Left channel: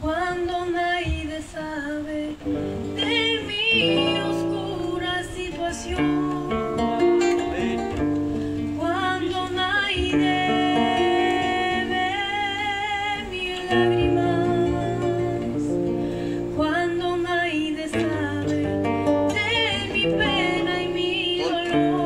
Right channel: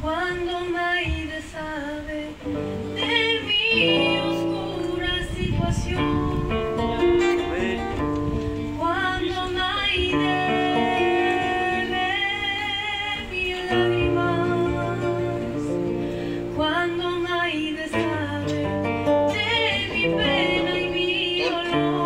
cuando nadie sabe de mi oscura situación, cuando nadie ve mis lágrimas, cuando nadie sabe de mi pena y mi dolor.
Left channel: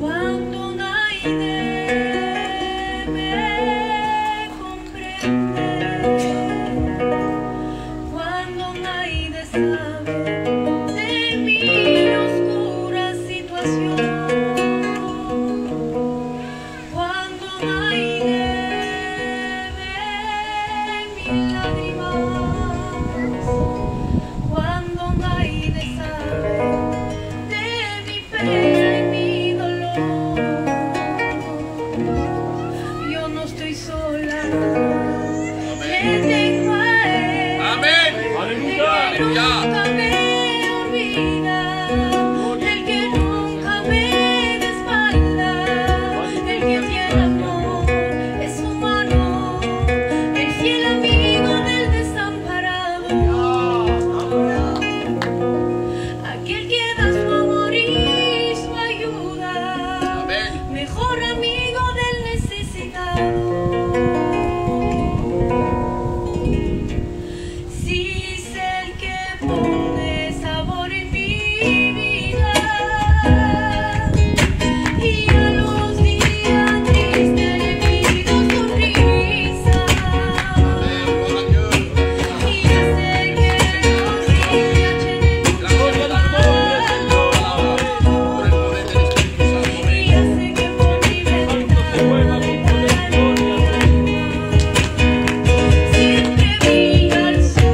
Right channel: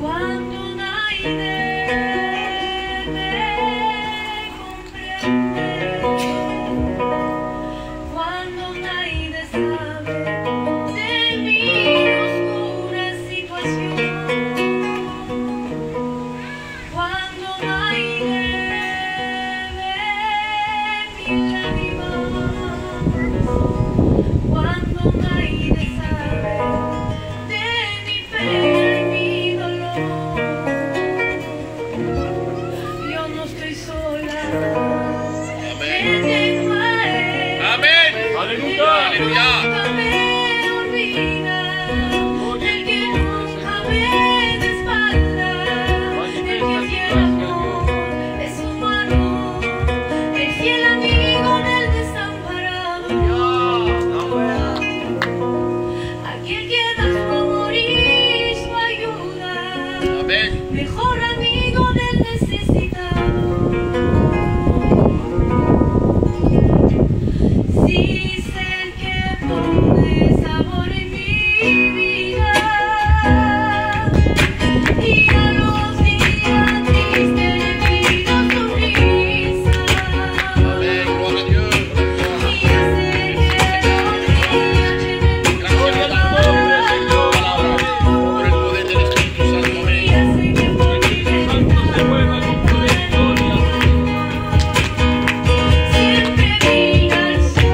Cuando nadie me comprende, cuando nadie sabe de mi oscura situación, cuando nadie ve mis lágrimas, cuando nadie sabe de mi pena y mi dolor. Yo no estoy sola, me tengo a Él. Amén. Aleluya. Nunca me olvida, el que nunca me da espalda, el que tiene amor es su mano, el fiel amigo del desamparado, aquel que da su amor y su ayuda, mejor amigo del necesitado. Si es el que pone sabor en mi vida y a los días tristes le pido sonrisa y hace que los días llenen mucho de paz y hace que por mi ventana siempre brilla el sol.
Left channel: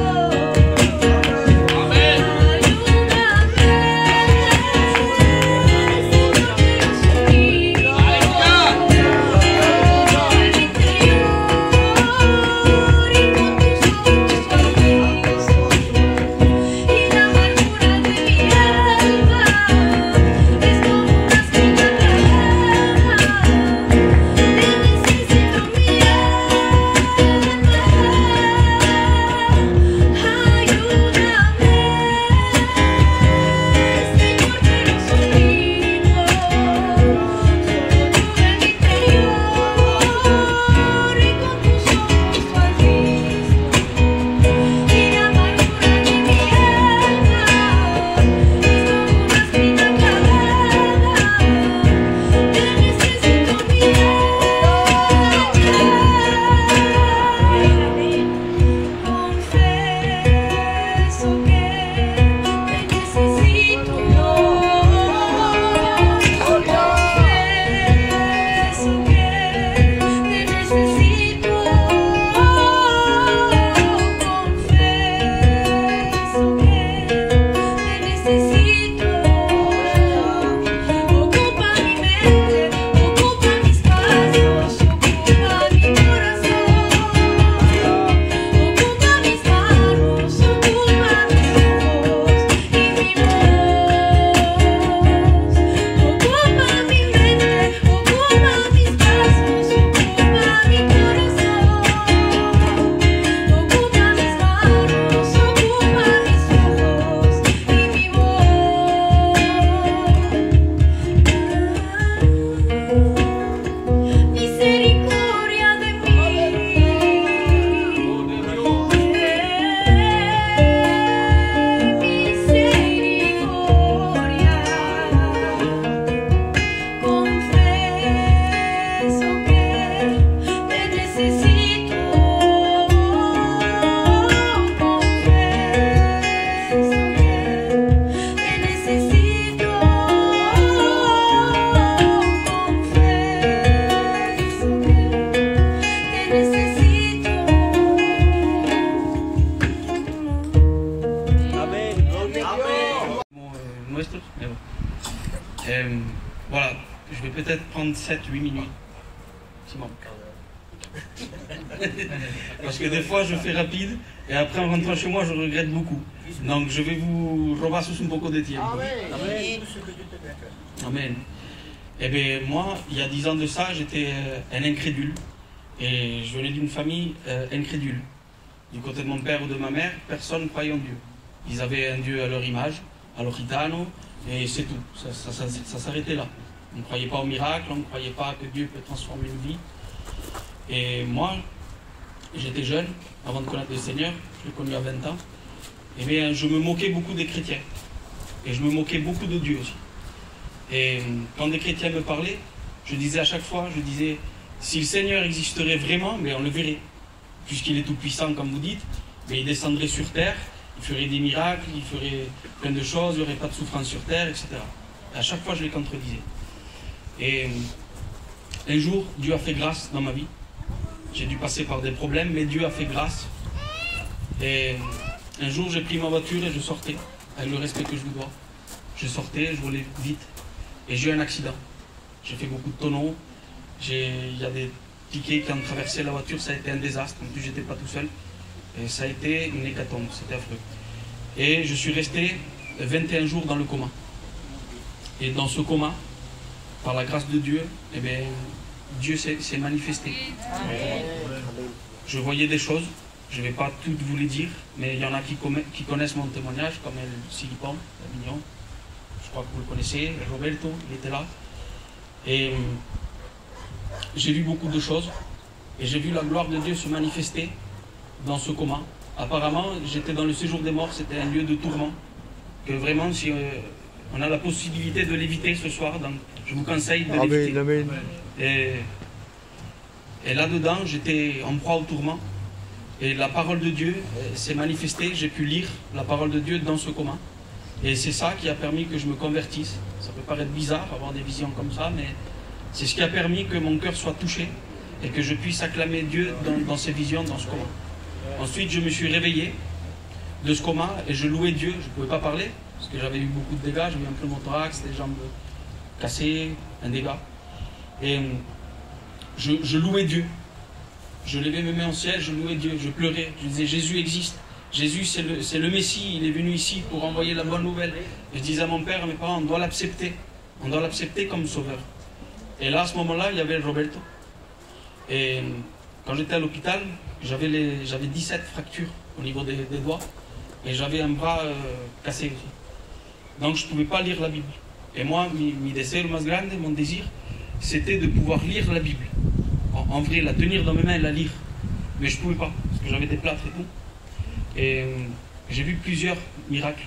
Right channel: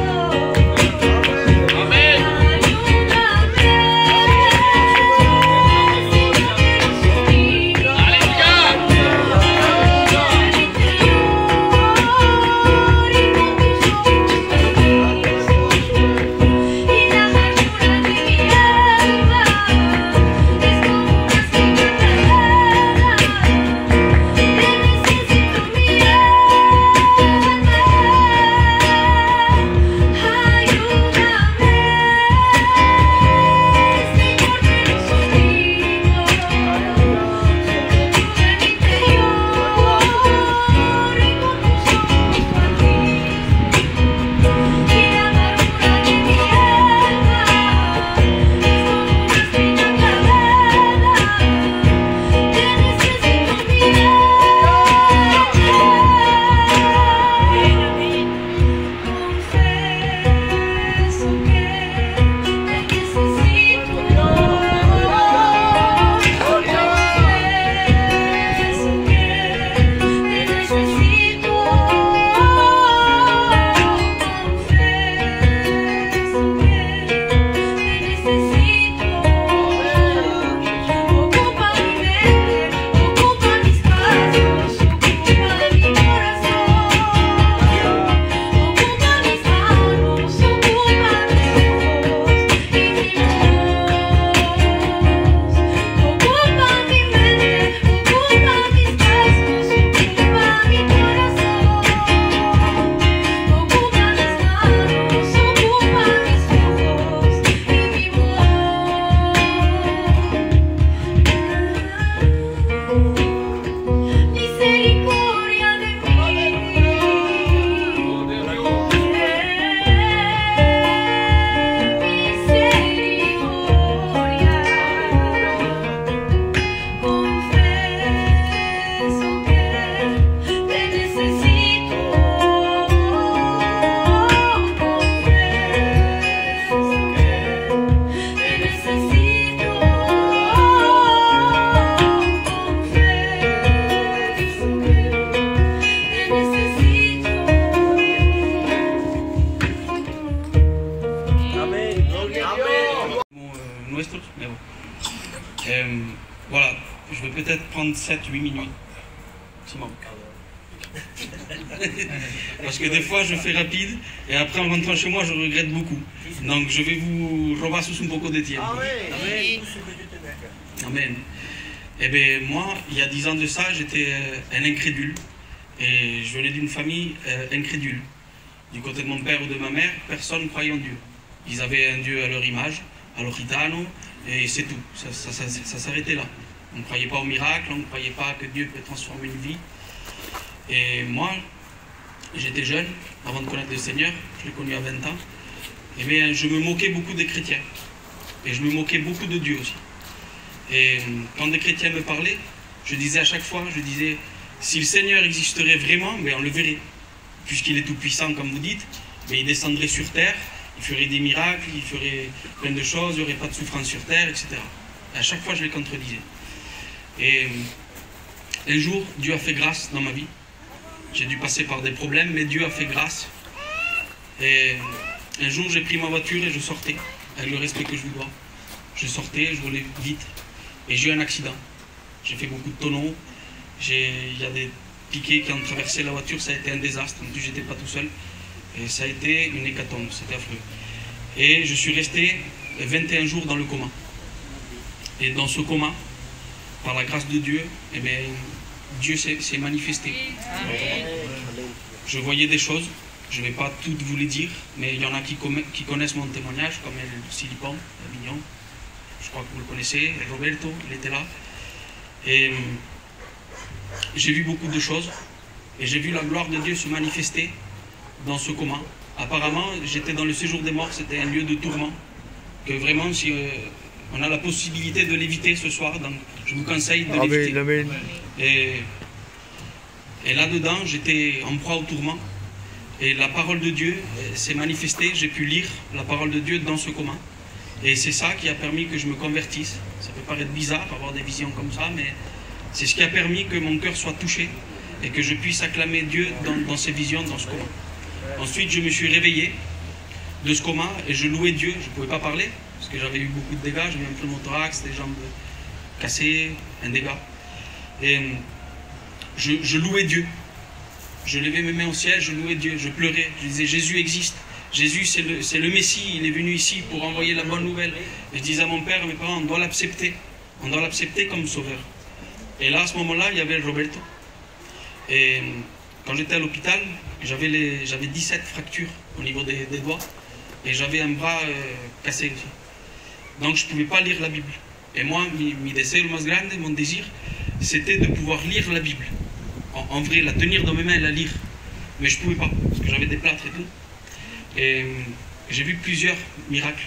Voilà, je vais peut-être prendre 7-8 minutes. Maximum. Parce que des fois, je fais rapide, et après, en rentrant chez moi, je regrette beaucoup. Donc, je vais vous robar sous un poco de tiempo. Amen. Eh bien, moi, il y a 10 ans de ça, j'étais un incrédule. Et je venais d'une famille incrédule. Du côté de mon père ou de ma mère, personne ne croyait en Dieu. Ils avaient un Dieu à leur image, à leur gitano, et c'est tout. Ça s'arrêtait là. On ne croyait pas au miracle, on ne croyait pas que Dieu peut transformer une vie. Et moi, j'étais jeune, avant de connaître le Seigneur, je l'ai connu à 20 ans, et bien, je me moquais beaucoup des chrétiens. Et je me moquais beaucoup de Dieu aussi. Et quand des chrétiens me parlaient, je disais à chaque fois, si le Seigneur existerait vraiment, mais on le verrait. Puisqu'il est tout puissant, comme vous dites, mais il descendrait sur terre, il ferait des miracles, il ferait plein de choses, il n'y aurait pas de souffrance sur terre, etc. Et à chaque fois, je les contredisais. Et un jour, Dieu a fait grâce dans ma vie. J'ai dû passer par des problèmes, mais Dieu a fait grâce. Et un jour, j'ai pris ma voiture et je sortais, avec le respect que je vous dois. Je sortais, je roulais vite, et j'ai eu un accident. J'ai fait beaucoup de tonneaux. Il y a des piquets qui ont traversé la voiture, ça a été un désastre. En plus, j'étais pas tout seul. Et ça a été une hécatombe, c'était affreux. Et je suis resté 21 jours dans le coma. Et dans ce coma, par la grâce de Dieu, eh bien, Dieu s'est manifesté. Je voyais des choses, je ne vais pas toutes vous les dire, mais il y en a qui connaissent mon témoignage, comme El Silipon, Avignon. Je crois que vous le connaissez, Roberto, il était là. Et j'ai vu beaucoup de choses, et j'ai vu la gloire de Dieu se manifester dans ce coma. Apparemment, j'étais dans le séjour des morts, c'était un lieu de tourment, que vraiment, si on a la possibilité de l'éviter ce soir, donc je vous conseille de l'éviter. Amen. Et là-dedans, j'étais en proie au tourment, et la parole de Dieu s'est manifestée, j'ai pu lire la parole de Dieu dans ce coma. Et c'est ça qui a permis que je me convertisse. Ça peut paraître bizarre, avoir des visions comme ça, mais c'est ce qui a permis que mon cœur soit touché et que je puisse acclamer Dieu dans ces visions, dans ce coma. Ensuite, je me suis réveillé de ce coma et je louais Dieu. Je ne pouvais pas parler parce que j'avais eu beaucoup de dégâts. J'avais un pneumothorax, des jambes cassées, un dégât. Et je louais Dieu. Je levais mes mains au ciel, je louais Dieu, je pleurais. Je disais, Jésus existe. Jésus, c'est le Messie. Il est venu ici pour envoyer la bonne nouvelle. Et je disais à mon père, à mes parents, on doit l'accepter. On doit l'accepter comme sauveur. Et là, à ce moment-là, il y avait Roberto. Et quand j'étais à l'hôpital, j'avais 17 fractures au niveau des doigts. Et j'avais un bras cassé aussi. Donc je ne pouvais pas lire la Bible. Et moi, mi deseo más grande, mon désir, c'était de pouvoir lire la Bible. En vrai, la tenir dans mes mains et la lire. Mais je ne pouvais pas, parce que j'avais des plâtres et tout. Et j'ai vu plusieurs miracles.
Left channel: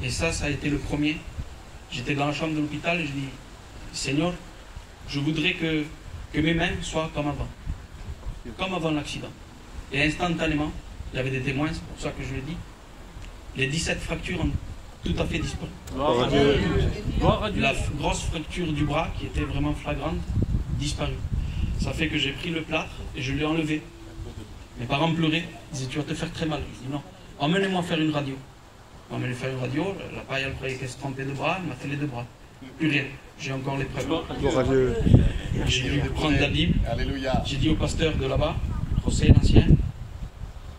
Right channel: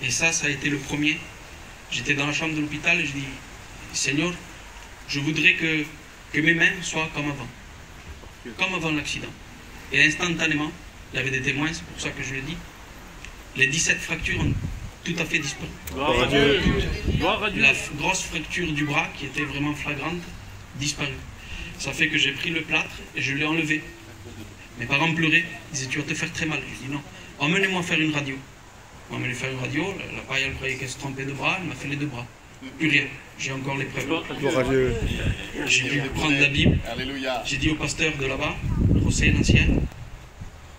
Et ça a été le premier. J'étais dans la chambre de l'hôpital et je dis, Seigneur, je voudrais que mes mains soient comme avant l'accident. Et instantanément, il y avait des témoins, c'est pour ça que je le dis, les 17 fractures ont tout à fait disparu. Gloire à Dieu. Gloire à Dieu. La grosse fracture du bras, qui était vraiment flagrante, disparue. Ça fait que j'ai pris le plâtre et je l'ai enlevé. Mes parents pleuraient, ils disaient, tu vas te faire très mal. Je dis non, emmenez-moi faire une radio. On m'a fait une radio, la paille, elle croyait qu'elle se trompait de bras, elle m'a fait les 2 bras. Plus rien, j'ai encore les preuves. Gloire à Dieu. J'ai dû prendre la Bible. Alléluia. J'ai dit au pasteur de là-bas, José l'ancien,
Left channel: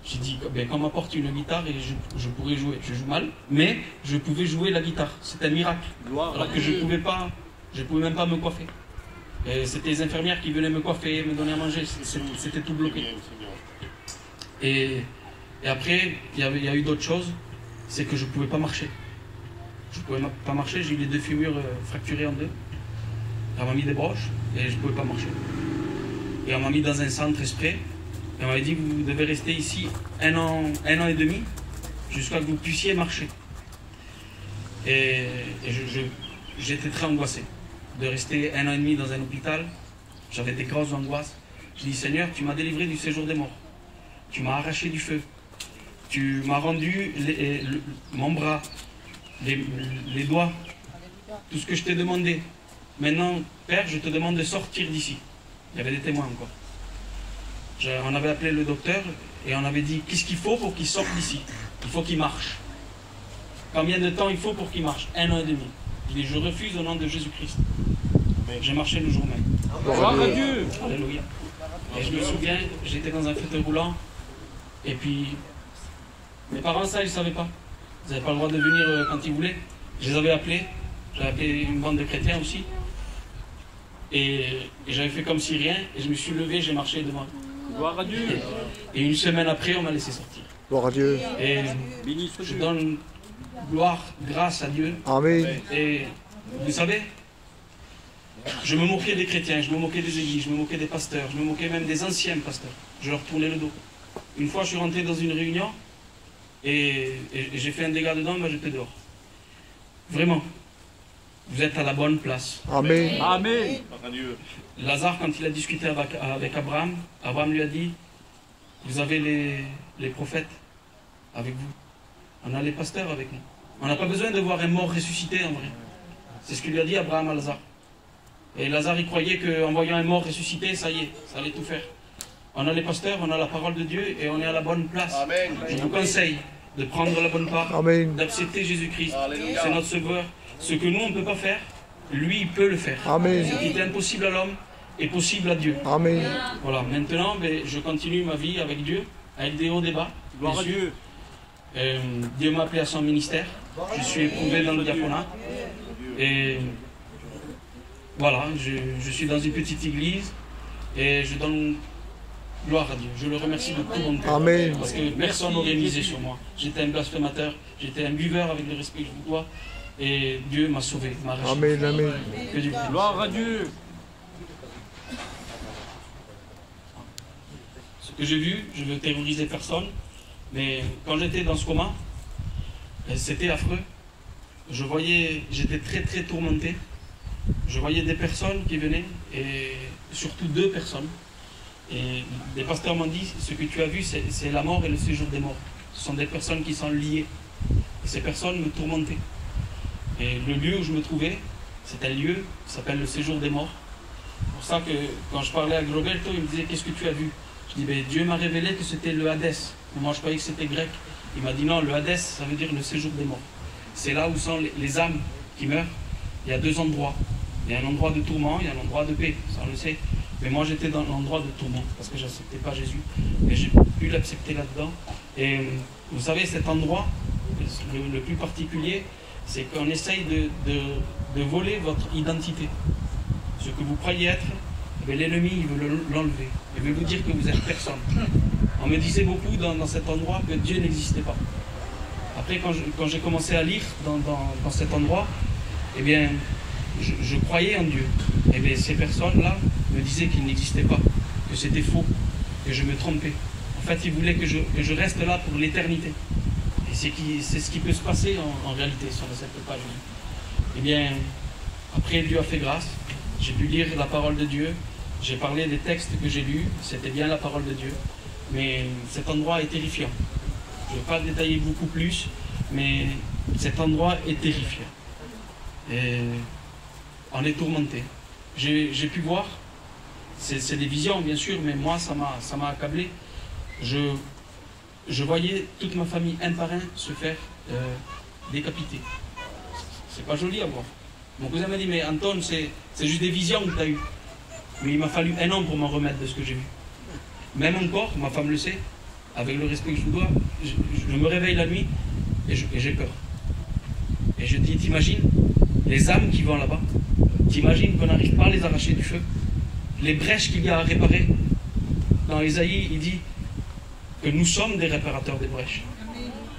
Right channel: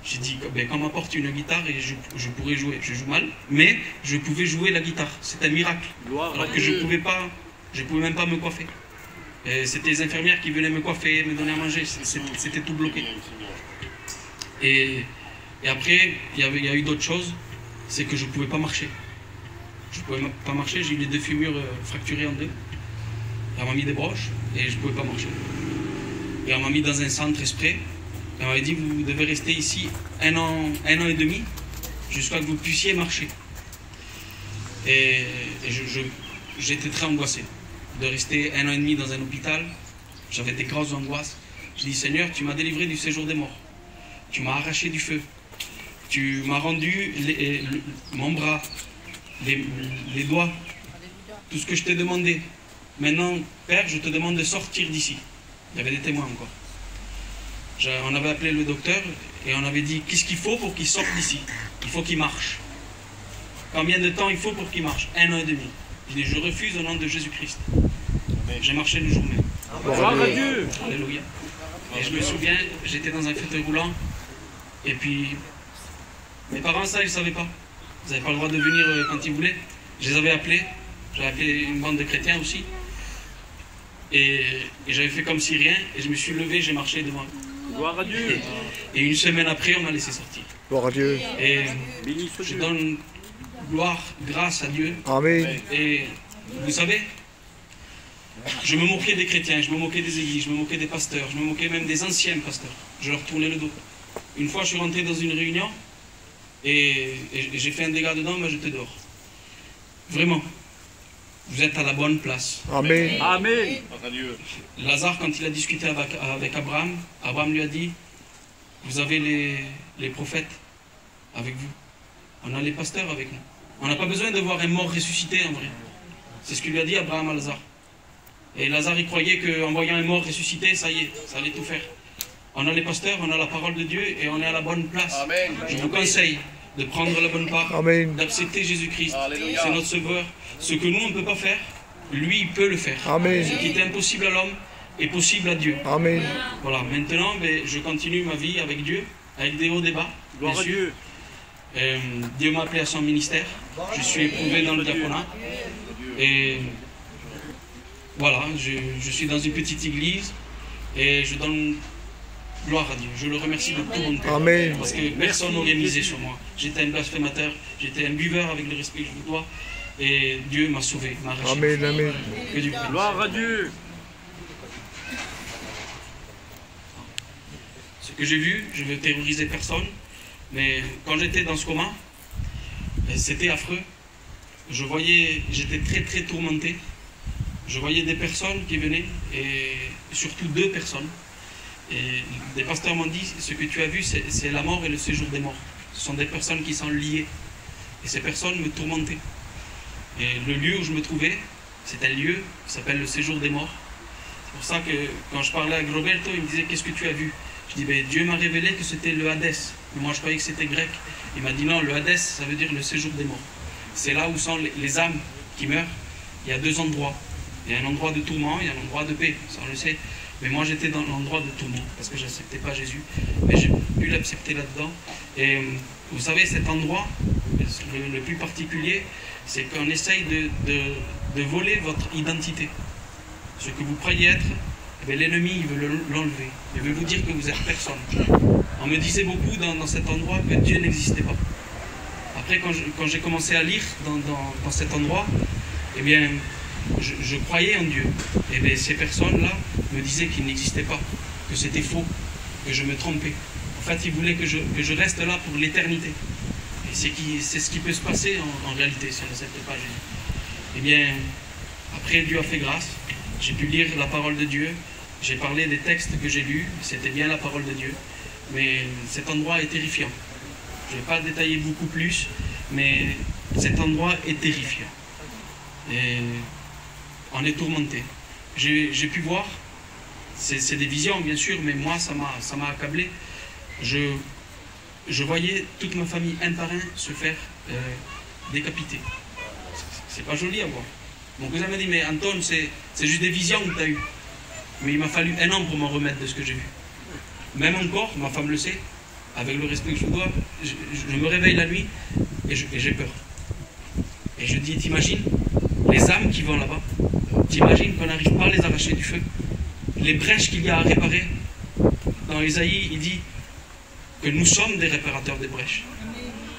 j'ai dit, ben, qu'on m'apporte une guitare et je pourrais jouer. Je joue mal, mais je pouvais jouer la guitare. C'est un miracle. Alors que je pouvais même pas me coiffer. C'était les infirmières qui venaient me coiffer, me donner à manger. C'était tout bloqué. Et après, il y a eu d'autres choses. C'est que je ne pouvais pas marcher. Je ne pouvais pas marcher, j'ai eu les 2 fémurs fracturés en 2. On m'a mis des broches et je ne pouvais pas marcher. Et on m'a mis dans un centre exprès. Et on m'avait dit, vous devez rester ici un an et demi jusqu'à ce que vous puissiez marcher. Et j'étais très angoissé de rester 1 an et demi dans un hôpital. J'avais des grosses angoisses. Je dis, Seigneur, tu m'as délivré du séjour des morts. Tu m'as arraché du feu. Tu m'as rendu mon bras, les doigts, tout ce que je t'ai demandé. Maintenant, Père, je te demande de sortir d'ici. Il y avait des témoins encore. On avait appelé le docteur et on avait dit, qu'est-ce qu'il faut pour qu'il sorte d'ici? Il faut qu'il marche. Combien de temps il faut pour qu'il marche? 1 an et demi. Je dis, je refuse au nom de Jésus-Christ. J'ai marché le jour même. Gloire à Dieu. Alléluia. Et je me souviens, j'étais dans un fauteuil roulant. Et puis, mes parents, ça, ils ne savaient pas. Ils n'avaient pas le droit de venir quand ils voulaient. Je les avais appelés. J'avais appelé une bande de chrétiens aussi. Et j'avais fait comme si rien. Et je me suis levé, j'ai marché devant. Gloire à Dieu. Et une semaine après, on m'a laissé sortir. Gloire à Dieu. Et Béni soit je Dieu. donne gloire, grâce à Dieu. Amen. Et vous savez, je me moquais des chrétiens, je me moquais des églises, je me moquais des pasteurs, je me moquais même des anciens pasteurs. Je leur tournais le dos. Une fois, je suis rentré dans une réunion et j'ai fait un dégât dedans, mais j'étais dehors. Vraiment, vous êtes à la bonne place. Amen. Amen. Gloire à Dieu. Lazare, quand il a discuté avec Abraham, Abraham lui a dit, vous avez les prophètes avec vous. On a les pasteurs avec nous. On n'a pas besoin de voir un mort ressuscité en vrai. C'est ce que lui a dit Abraham à Lazare. Et Lazare, il croyait qu'en voyant un mort ressuscité, ça y est, ça allait tout faire. On a les pasteurs, on a la parole de Dieu et on est à la bonne place. Amen. Je vous conseille de prendre la bonne part, Amen. d'accepter Jésus-Christ. Alléluia. C'est notre sauveur. Ce que nous, on ne peut pas faire, lui, il peut le faire. Amen. Ce qui est impossible à l'homme est possible à Dieu. Amen. Voilà, maintenant, je continue ma vie avec Dieu, avec des hauts débats, bien Gloire à sûr. Dieu. Dieu m'a appelé à son ministère. Je suis éprouvé dans le diaconat. Et voilà, je suis dans une petite église et je donne gloire à Dieu. Je le remercie de tout mon cœur. Amen. Parce que personne n'aurait misé sur moi. J'étais un blasphémateur, j'étais un buveur avec le respect que je vous dois. Et Dieu m'a sauvé, m'a arraché. Amen. Amen. Que Dieu bénisse. Gloire à Dieu. Ce que j'ai vu, je ne veux terroriser personne, mais quand j'étais dans ce coma, c'était affreux. Je voyais, j'étais très très tourmenté. Je voyais des personnes qui venaient, et surtout 2 personnes. Et des pasteurs m'ont dit, ce que tu as vu, c'est la mort et le séjour des morts. Ce sont des personnes qui sont liées. Et ces personnes me tourmentaient. Et le lieu où je me trouvais, c'est un lieu qui s'appelle le séjour des morts. C'est pour ça que quand je parlais à Roberto, il me disait, qu'est-ce que tu as vu? Je dis, ben, Dieu m'a révélé que c'était le Hadès. Mais moi, je croyais que c'était grec. Il m'a dit, non, le Hadès, ça veut dire le séjour des morts. C'est là où sont les âmes qui meurent. Il y a 2 endroits. Il y a un endroit de tourment, il y a un endroit de paix. Ça, on le sait. Mais moi, j'étais dans l'endroit de tourment parce que je n'acceptais pas Jésus. Mais j'ai pu l'accepter là-dedans. Et vous savez, cet endroit, le plus particulier, c'est qu'on essaye de voler votre identité. Ce que vous croyez être, eh l'ennemi, il veut l'enlever. Il veut vous dire que vous êtes personne. On me disait beaucoup dans cet endroit que Dieu n'existait pas. Après, quand j'ai commencé à lire dans cet endroit, eh bien, je croyais en Dieu. Et bien, ces personnes-là me disaient qu'il n'existait pas, que c'était faux, que je me trompais. En fait, ils voulaient que je reste là pour l'éternité. Et c'est ce qui peut se passer en réalité si on n'accepte pas Jésus. Eh bien, après, Dieu a fait grâce. J'ai pu lire la parole de Dieu. J'ai parlé des textes que j'ai lus. C'était bien la parole de Dieu. Mais cet endroit est terrifiant. Je ne vais pas détailler beaucoup plus, mais cet endroit est terrifiant. Et on est tourmenté. J'ai pu voir, c'est des visions bien sûr, mais moi ça m'a accablé. Je voyais toute ma famille un par un se faire décapiter. C'est pas joli à voir. Mon cousin m'a dit, mais Anton, c'est juste des visions que tu as eues. Mais il m'a fallu 1 an pour m'en remettre de ce que j'ai vu. Même encore, ma femme le sait, avec le respect que je vous dois, je me réveille la nuit et j'ai peur. Et je dis, t'imagines les âmes qui vont là-bas, t'imagines qu'on n'arrive pas à les arracher du feu, les brèches qu'il y a à réparer. Dans Isaïe, il dit que nous sommes des réparateurs des brèches.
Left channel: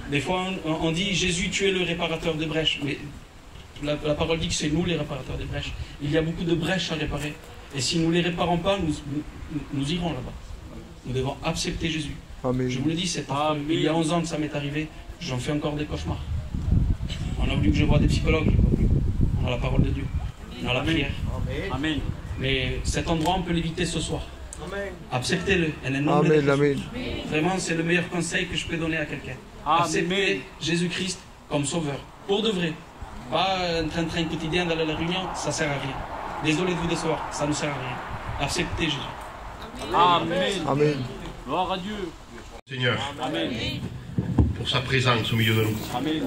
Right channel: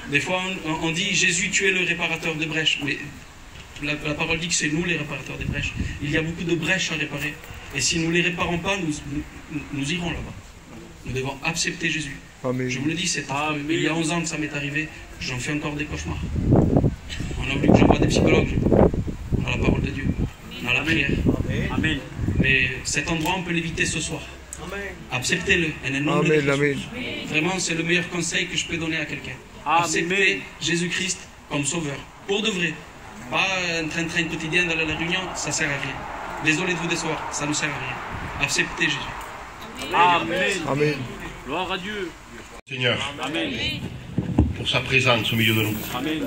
Des fois, on dit, Jésus, tu es le réparateur des brèches, mais la parole dit que c'est nous les réparateurs des brèches. Il y a beaucoup de brèches à réparer. Et si nous ne les réparons pas, nous irons là-bas. Nous devons accepter Jésus. Amen. Je vous le dis, c'est il y a 11 ans que ça m'est arrivé, j'en fais encore des cauchemars. On a voulu que je voie des psychologues. On a la parole de Dieu. On a la prière. Amen. Mais cet endroit, on peut l'éviter ce soir. Acceptez-le. Amen. Amen. Vraiment, c'est le meilleur conseil que je peux donner à quelqu'un. Acceptez Jésus-Christ comme sauveur. Pour de vrai. Pas un train-train quotidien d'aller à la réunion, ça ne sert à rien. Désolé de vous décevoir, ça ne sert à rien. Acceptez Jésus. Amen. Amen. Gloire à Dieu. Seigneur, Amen. pour sa présence au milieu de nous, Amen.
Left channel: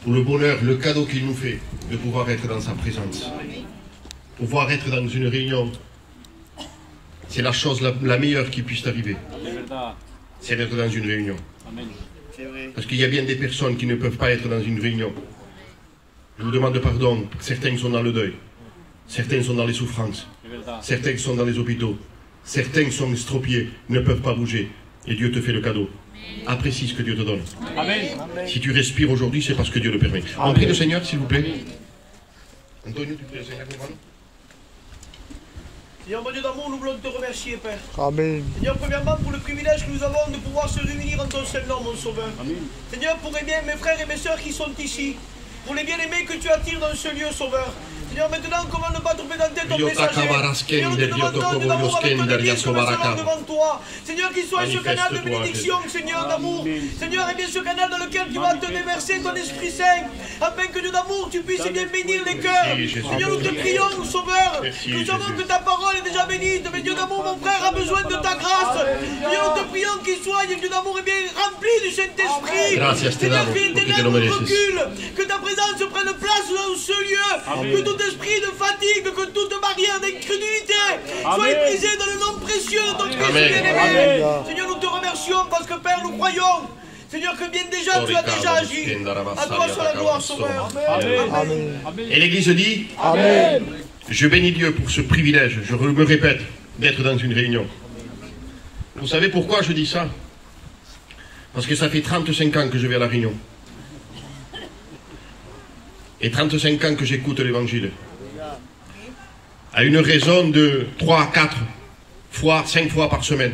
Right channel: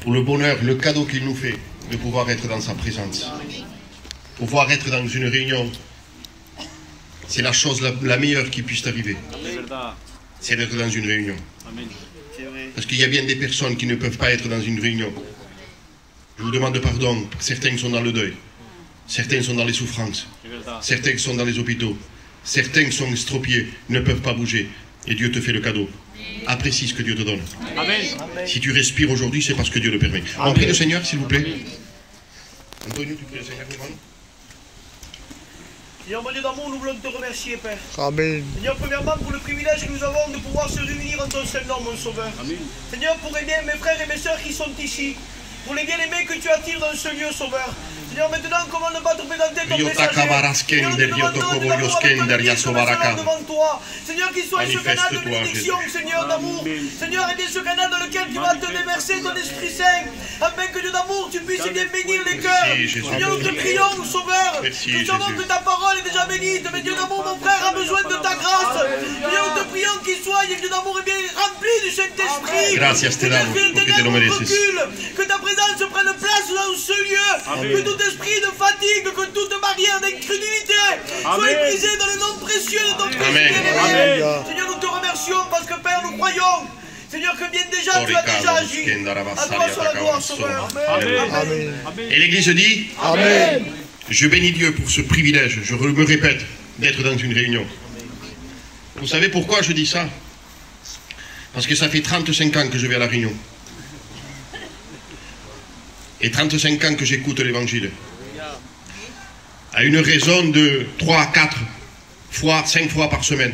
pour le bonheur, le cadeau qu'il nous fait de pouvoir être dans sa présence, pouvoir être dans une réunion c'est la chose la meilleure qui puisse t'arriver. Verdad. C'est d'être dans une réunion. Amén. Parce qu'il y a bien des personnes qui ne peuvent pas être dans une réunion. Je vous demande pardon. Certains sont dans le deuil. Certains sont dans les souffrances. C'est verdad. Certains sont dans les hôpitaux. Certains sont estropiés, ne peuvent pas bouger. Et Dieu te fait le cadeau. Apprécie ce que Dieu te donne. Amén. Si tu respires aujourd'hui, c'est parce que Dieu le permet. On prie le Seigneur, s'il vous plaît. Antonio, tu pries le Seigneur pour moi? Seigneur, mon Dieu d'amour, nous voulons te remercier, Père. Amen. Seigneur, premièrement, pour le privilège que nous avons de pouvoir se réunir en ton seul nom, mon Sauveur. Amén. Seigneur, pour aimer mes frères et mes sœurs qui sont ici, pour les bien-aimés que tu attires dans ce lieu, Sauveur. Seigneur, maintenant, comment ne pas te présenter ton messager? Seigneur, nous te demandons de l'amour avec ton Église comme selon devant toi. Seigneur, qu'il soit ce canal de bénédiction, Seigneur d'amour. Seigneur, et bien ce canal dans lequel tu vas te déverser ton Esprit Saint, afin que Dieu d'amour, tu puisses bien bénir les cœurs. Seigneur, nous te prions, Sauveur. Nous savons que ta parole est déjà bénite, mais Dieu d'amour, mon frère a besoin de ta grâce. Seigneur, nous te prions qu'il soit, Dieu d'amour, bien rempli du Saint-Esprit. Seigneur, que l'éternel recule, que ta présence prenne place dans ce lieu, que tout esprit de fatigue, que toute barrière d'incrédulité soit brisée dans le nom précieux de ton Christ bien-aimé. Seigneur, nous te remercions parce que Père, nous croyons, Seigneur, que bien déjà tu as déjà agi. À toi soit la gloire, Sauveur. Amén. Et l'Église dit Amen. Je bénis Dieu pour ce privilège, je me répète, d'être dans une réunion. Vous savez pourquoi je dis ça? Parce que ça fait 35 ans que je vais à la réunion. Et 35 ans que j'écoute l'Évangile. À une raison de 3, 4 fois, 5 fois par semaine.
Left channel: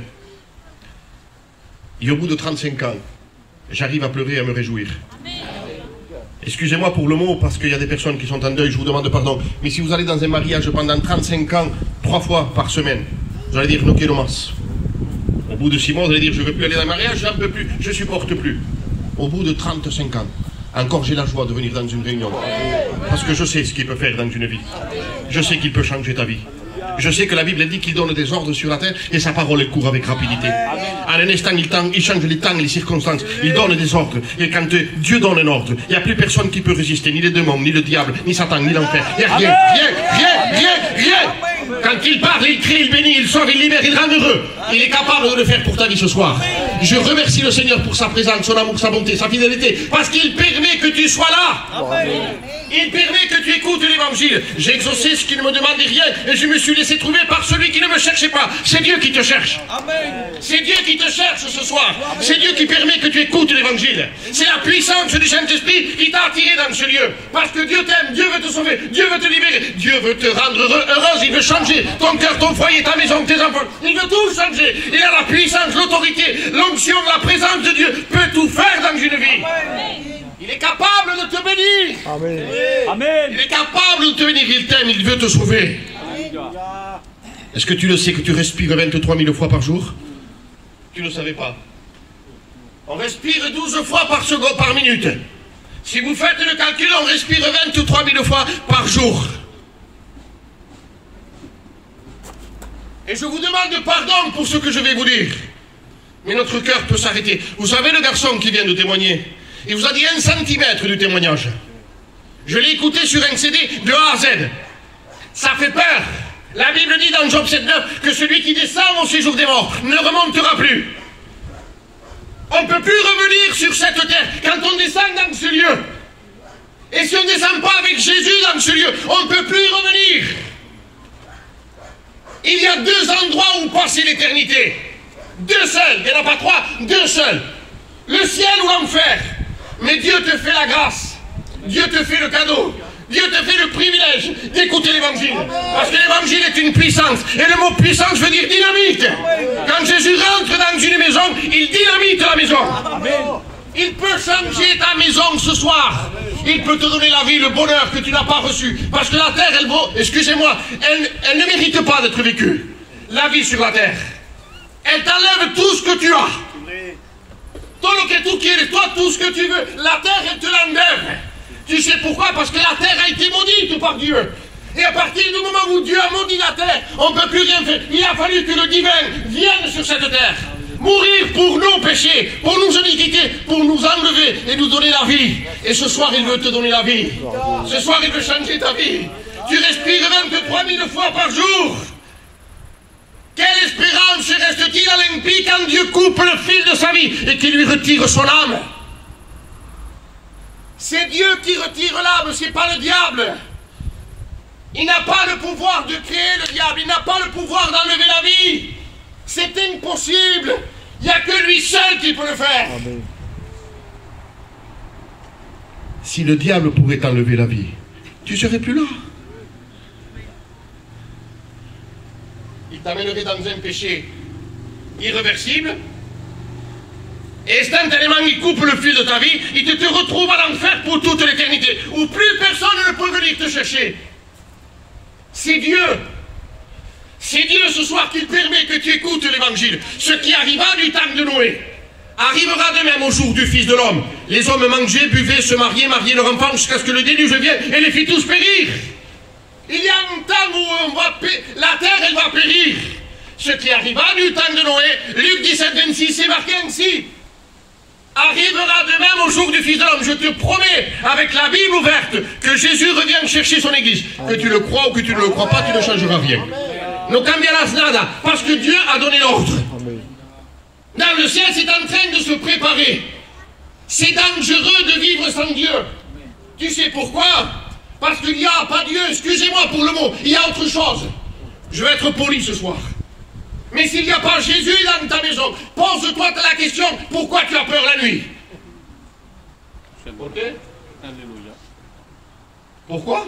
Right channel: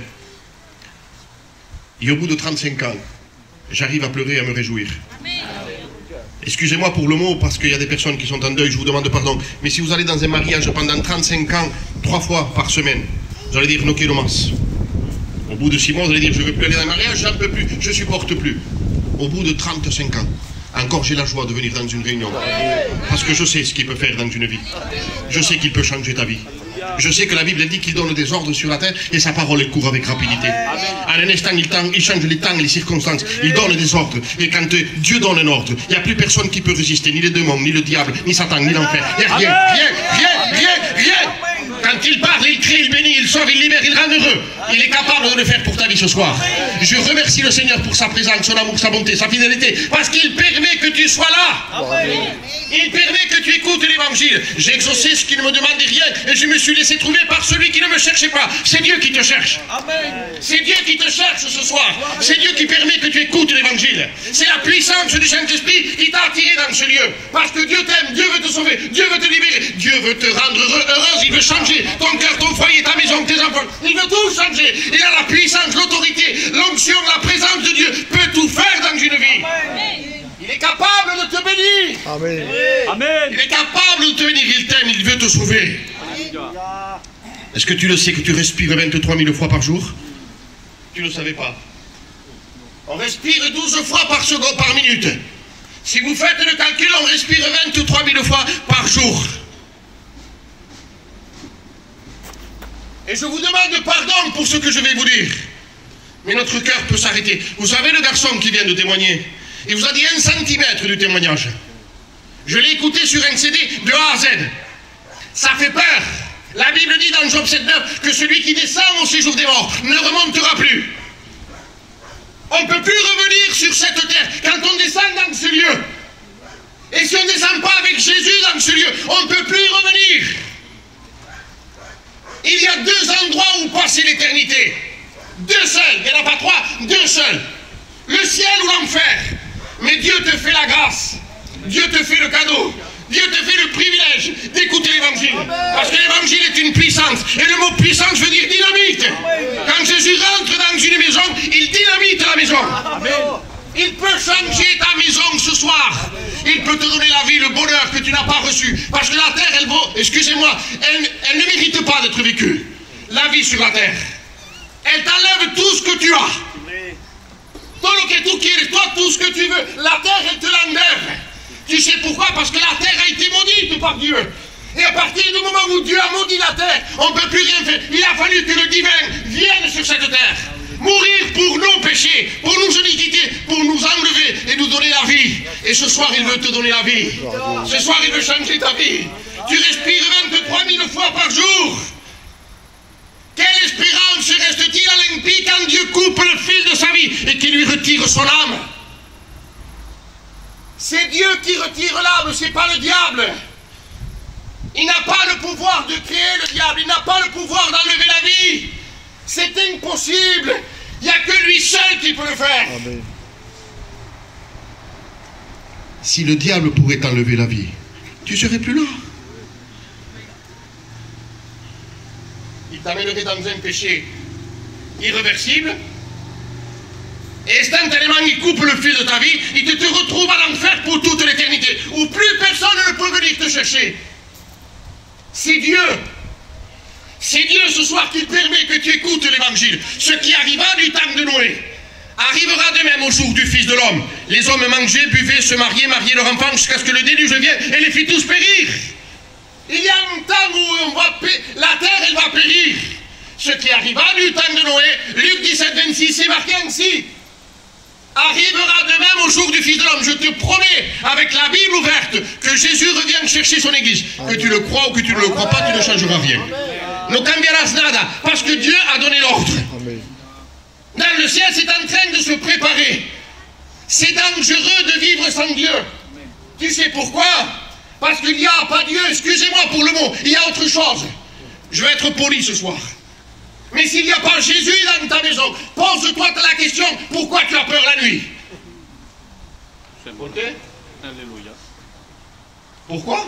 Et au bout de 35 ans, j'arrive à pleurer et à me réjouir. Excusez-moi pour le mot, parce qu'il y a des personnes qui sont en deuil, je vous demande pardon. Mais si vous allez dans un mariage pendant 35 ans, 3 fois par semaine, vous allez dire, no quiero más. Au bout de 6 mois, vous allez dire, je ne veux plus aller dans un mariage, j'en peux plus, je ne supporte plus. Au bout de 35 ans, encore j'ai la joie de venir dans une réunion. Parce que je sais ce qu'il peut faire dans une vie. Je sais qu'il peut changer ta vie. Je sais que la Bible dit qu'il donne des ordres sur la terre et sa parole court avec rapidité. En un instant, il change les temps et les circonstances. Il donne des ordres. Et quand Dieu donne un ordre, il n'y a plus personne qui peut résister. Ni les démons, ni le diable, ni Satan, ni l'enfer. Il n'y a rien, rien. Quand il parle, il crie, il bénit, il sort, il libère, il rend heureux. Il est capable de le faire pour ta vie ce soir. Je remercie le Seigneur pour sa présence, son amour, sa bonté, sa fidélité. Parce qu'il permet que tu sois là. Il permet que tu écoutes l'Évangile. J'ai exaucé ce qu'il ne me demandait rien et je me suis laissé trouver par celui qui ne me cherchait pas. C'est Dieu qui te cherche. C'est Dieu qui te cherche ce soir. C'est Dieu qui permet que tu écoutes l'Évangile. C'est la puissance du Saint-Esprit qui t'a attiré dans ce lieu. Parce que Dieu t'aime, Dieu veut te sauver, Dieu veut te libérer, Dieu veut te rendre heureuse, il veut changer ton cœur, ton foyer, ta maison, tes enfants. Il veut tout changer. Il a la puissance, l'autorité, l'onction, la présence de Dieu peut tout faire dans une vie. Il est capable de te bénir. Amen. Amén. Il est capable de te bénir. Il t'aime, il veut te sauver. Est-ce que tu le sais que tu respires 23 000 fois par jour? Tu ne le savais pas. On respire 12 fois par seconde, par minute. Si vous faites le calcul, on respire 23 000 fois par jour. Et je vous demande pardon pour ce que je vais vous dire. Mais notre cœur peut s'arrêter. Vous savez le garçon qui vient de témoigner? Il vous a dit 1 centimètre du témoignage. Je l'ai écouté sur un CD de A à Z. Ça fait peur. La Bible dit dans Job 7:9 que celui qui descend au séjour des morts ne remontera plus. On ne peut plus revenir sur cette terre quand on descend dans ce lieu. Et si on ne descend pas avec Jésus dans ce lieu, on ne peut plus revenir. Il y a 2 endroits où passer l'éternité. 2 seuls, il n'y en a pas 3, 2 seuls. Le ciel ou l'enfer. Mais Dieu te fait la grâce. Dieu te fait le cadeau. Dieu te fait le privilège d'écouter l'Évangile. Parce que l'Évangile est une puissance. Et le mot puissance veut dire dynamite. Quand Jésus rentre dans une maison, il dynamite la maison. Il peut changer ta maison ce soir. Il peut te donner la vie, le bonheur que tu n'as pas reçu. Parce que la terre, elle vaut, excusez-moi, elle ne mérite pas d'être vécue. La vie sur la terre. Elle t'enlève tout ce que tu as. Toi, tout ce que tu veux, la terre, elle te l'enlève. Tu sais pourquoi? Parce que la terre a été maudite par Dieu. Et à partir du moment où Dieu a maudit la terre, on ne peut plus rien faire. Il a fallu que le divin vienne sur cette terre. Mourir pour nos péchés, pour nos iniquités, pour nous enlever et nous donner la vie. Et ce soir, il veut te donner la vie. Ce soir, il veut changer ta vie. Tu respires 23 000 fois par jour. Quelle espérance reste-t-il à l'impie quand Dieu coupe le fil de sa vie et qu'il lui retire son âme? C'est Dieu qui retire l'âme, c'est pas le diable. Il n'a pas le pouvoir de créer le diable, il n'a pas le pouvoir d'enlever la vie. C'est impossible. Il n'y a que lui seul qui peut le faire. Amen. Si le diable pourrait t'enlever la vie, tu ne serais plus là. Il t'amènerait dans un péché irréversible. Et instantanément, il coupe le fil de ta vie. Il te retrouve à l'enfer pour toute l'éternité. Où plus personne ne peut venir te chercher. C'est Dieu. C'est Dieu ce soir qui permet que tu écoutes l'évangile. Ce qui arriva du temps de Noé arrivera de même au jour du Fils de l'homme. Les hommes mangeaient, buvaient, se mariaient, mariaient leurs enfants jusqu'à ce que le déluge vienne et les fit tous périr. Il y a un temps où la terre elle va périr. Ce qui arriva du temps de Noé, Luc 17, 26, c'est marqué ainsi. Arrivera de même au jour du Fils de l'homme. Je te promets, avec la Bible ouverte, que Jésus revient chercher son église. Que tu le crois ou que tu ne le crois pas, tu ne changeras rien. No cambiarás nada, parce que Dieu a donné l'ordre. Dans le ciel, c'est en train de se préparer. C'est dangereux de vivre sans Dieu. Tu sais pourquoi? Parce qu'il n'y a pas Dieu, excusez-moi pour le mot, il y a autre chose. Je vais être poli ce soir. Mais s'il n'y a pas Jésus dans ta maison, pose-toi la question, pourquoi tu as peur la nuit? Ok? Alléluia. Pourquoi?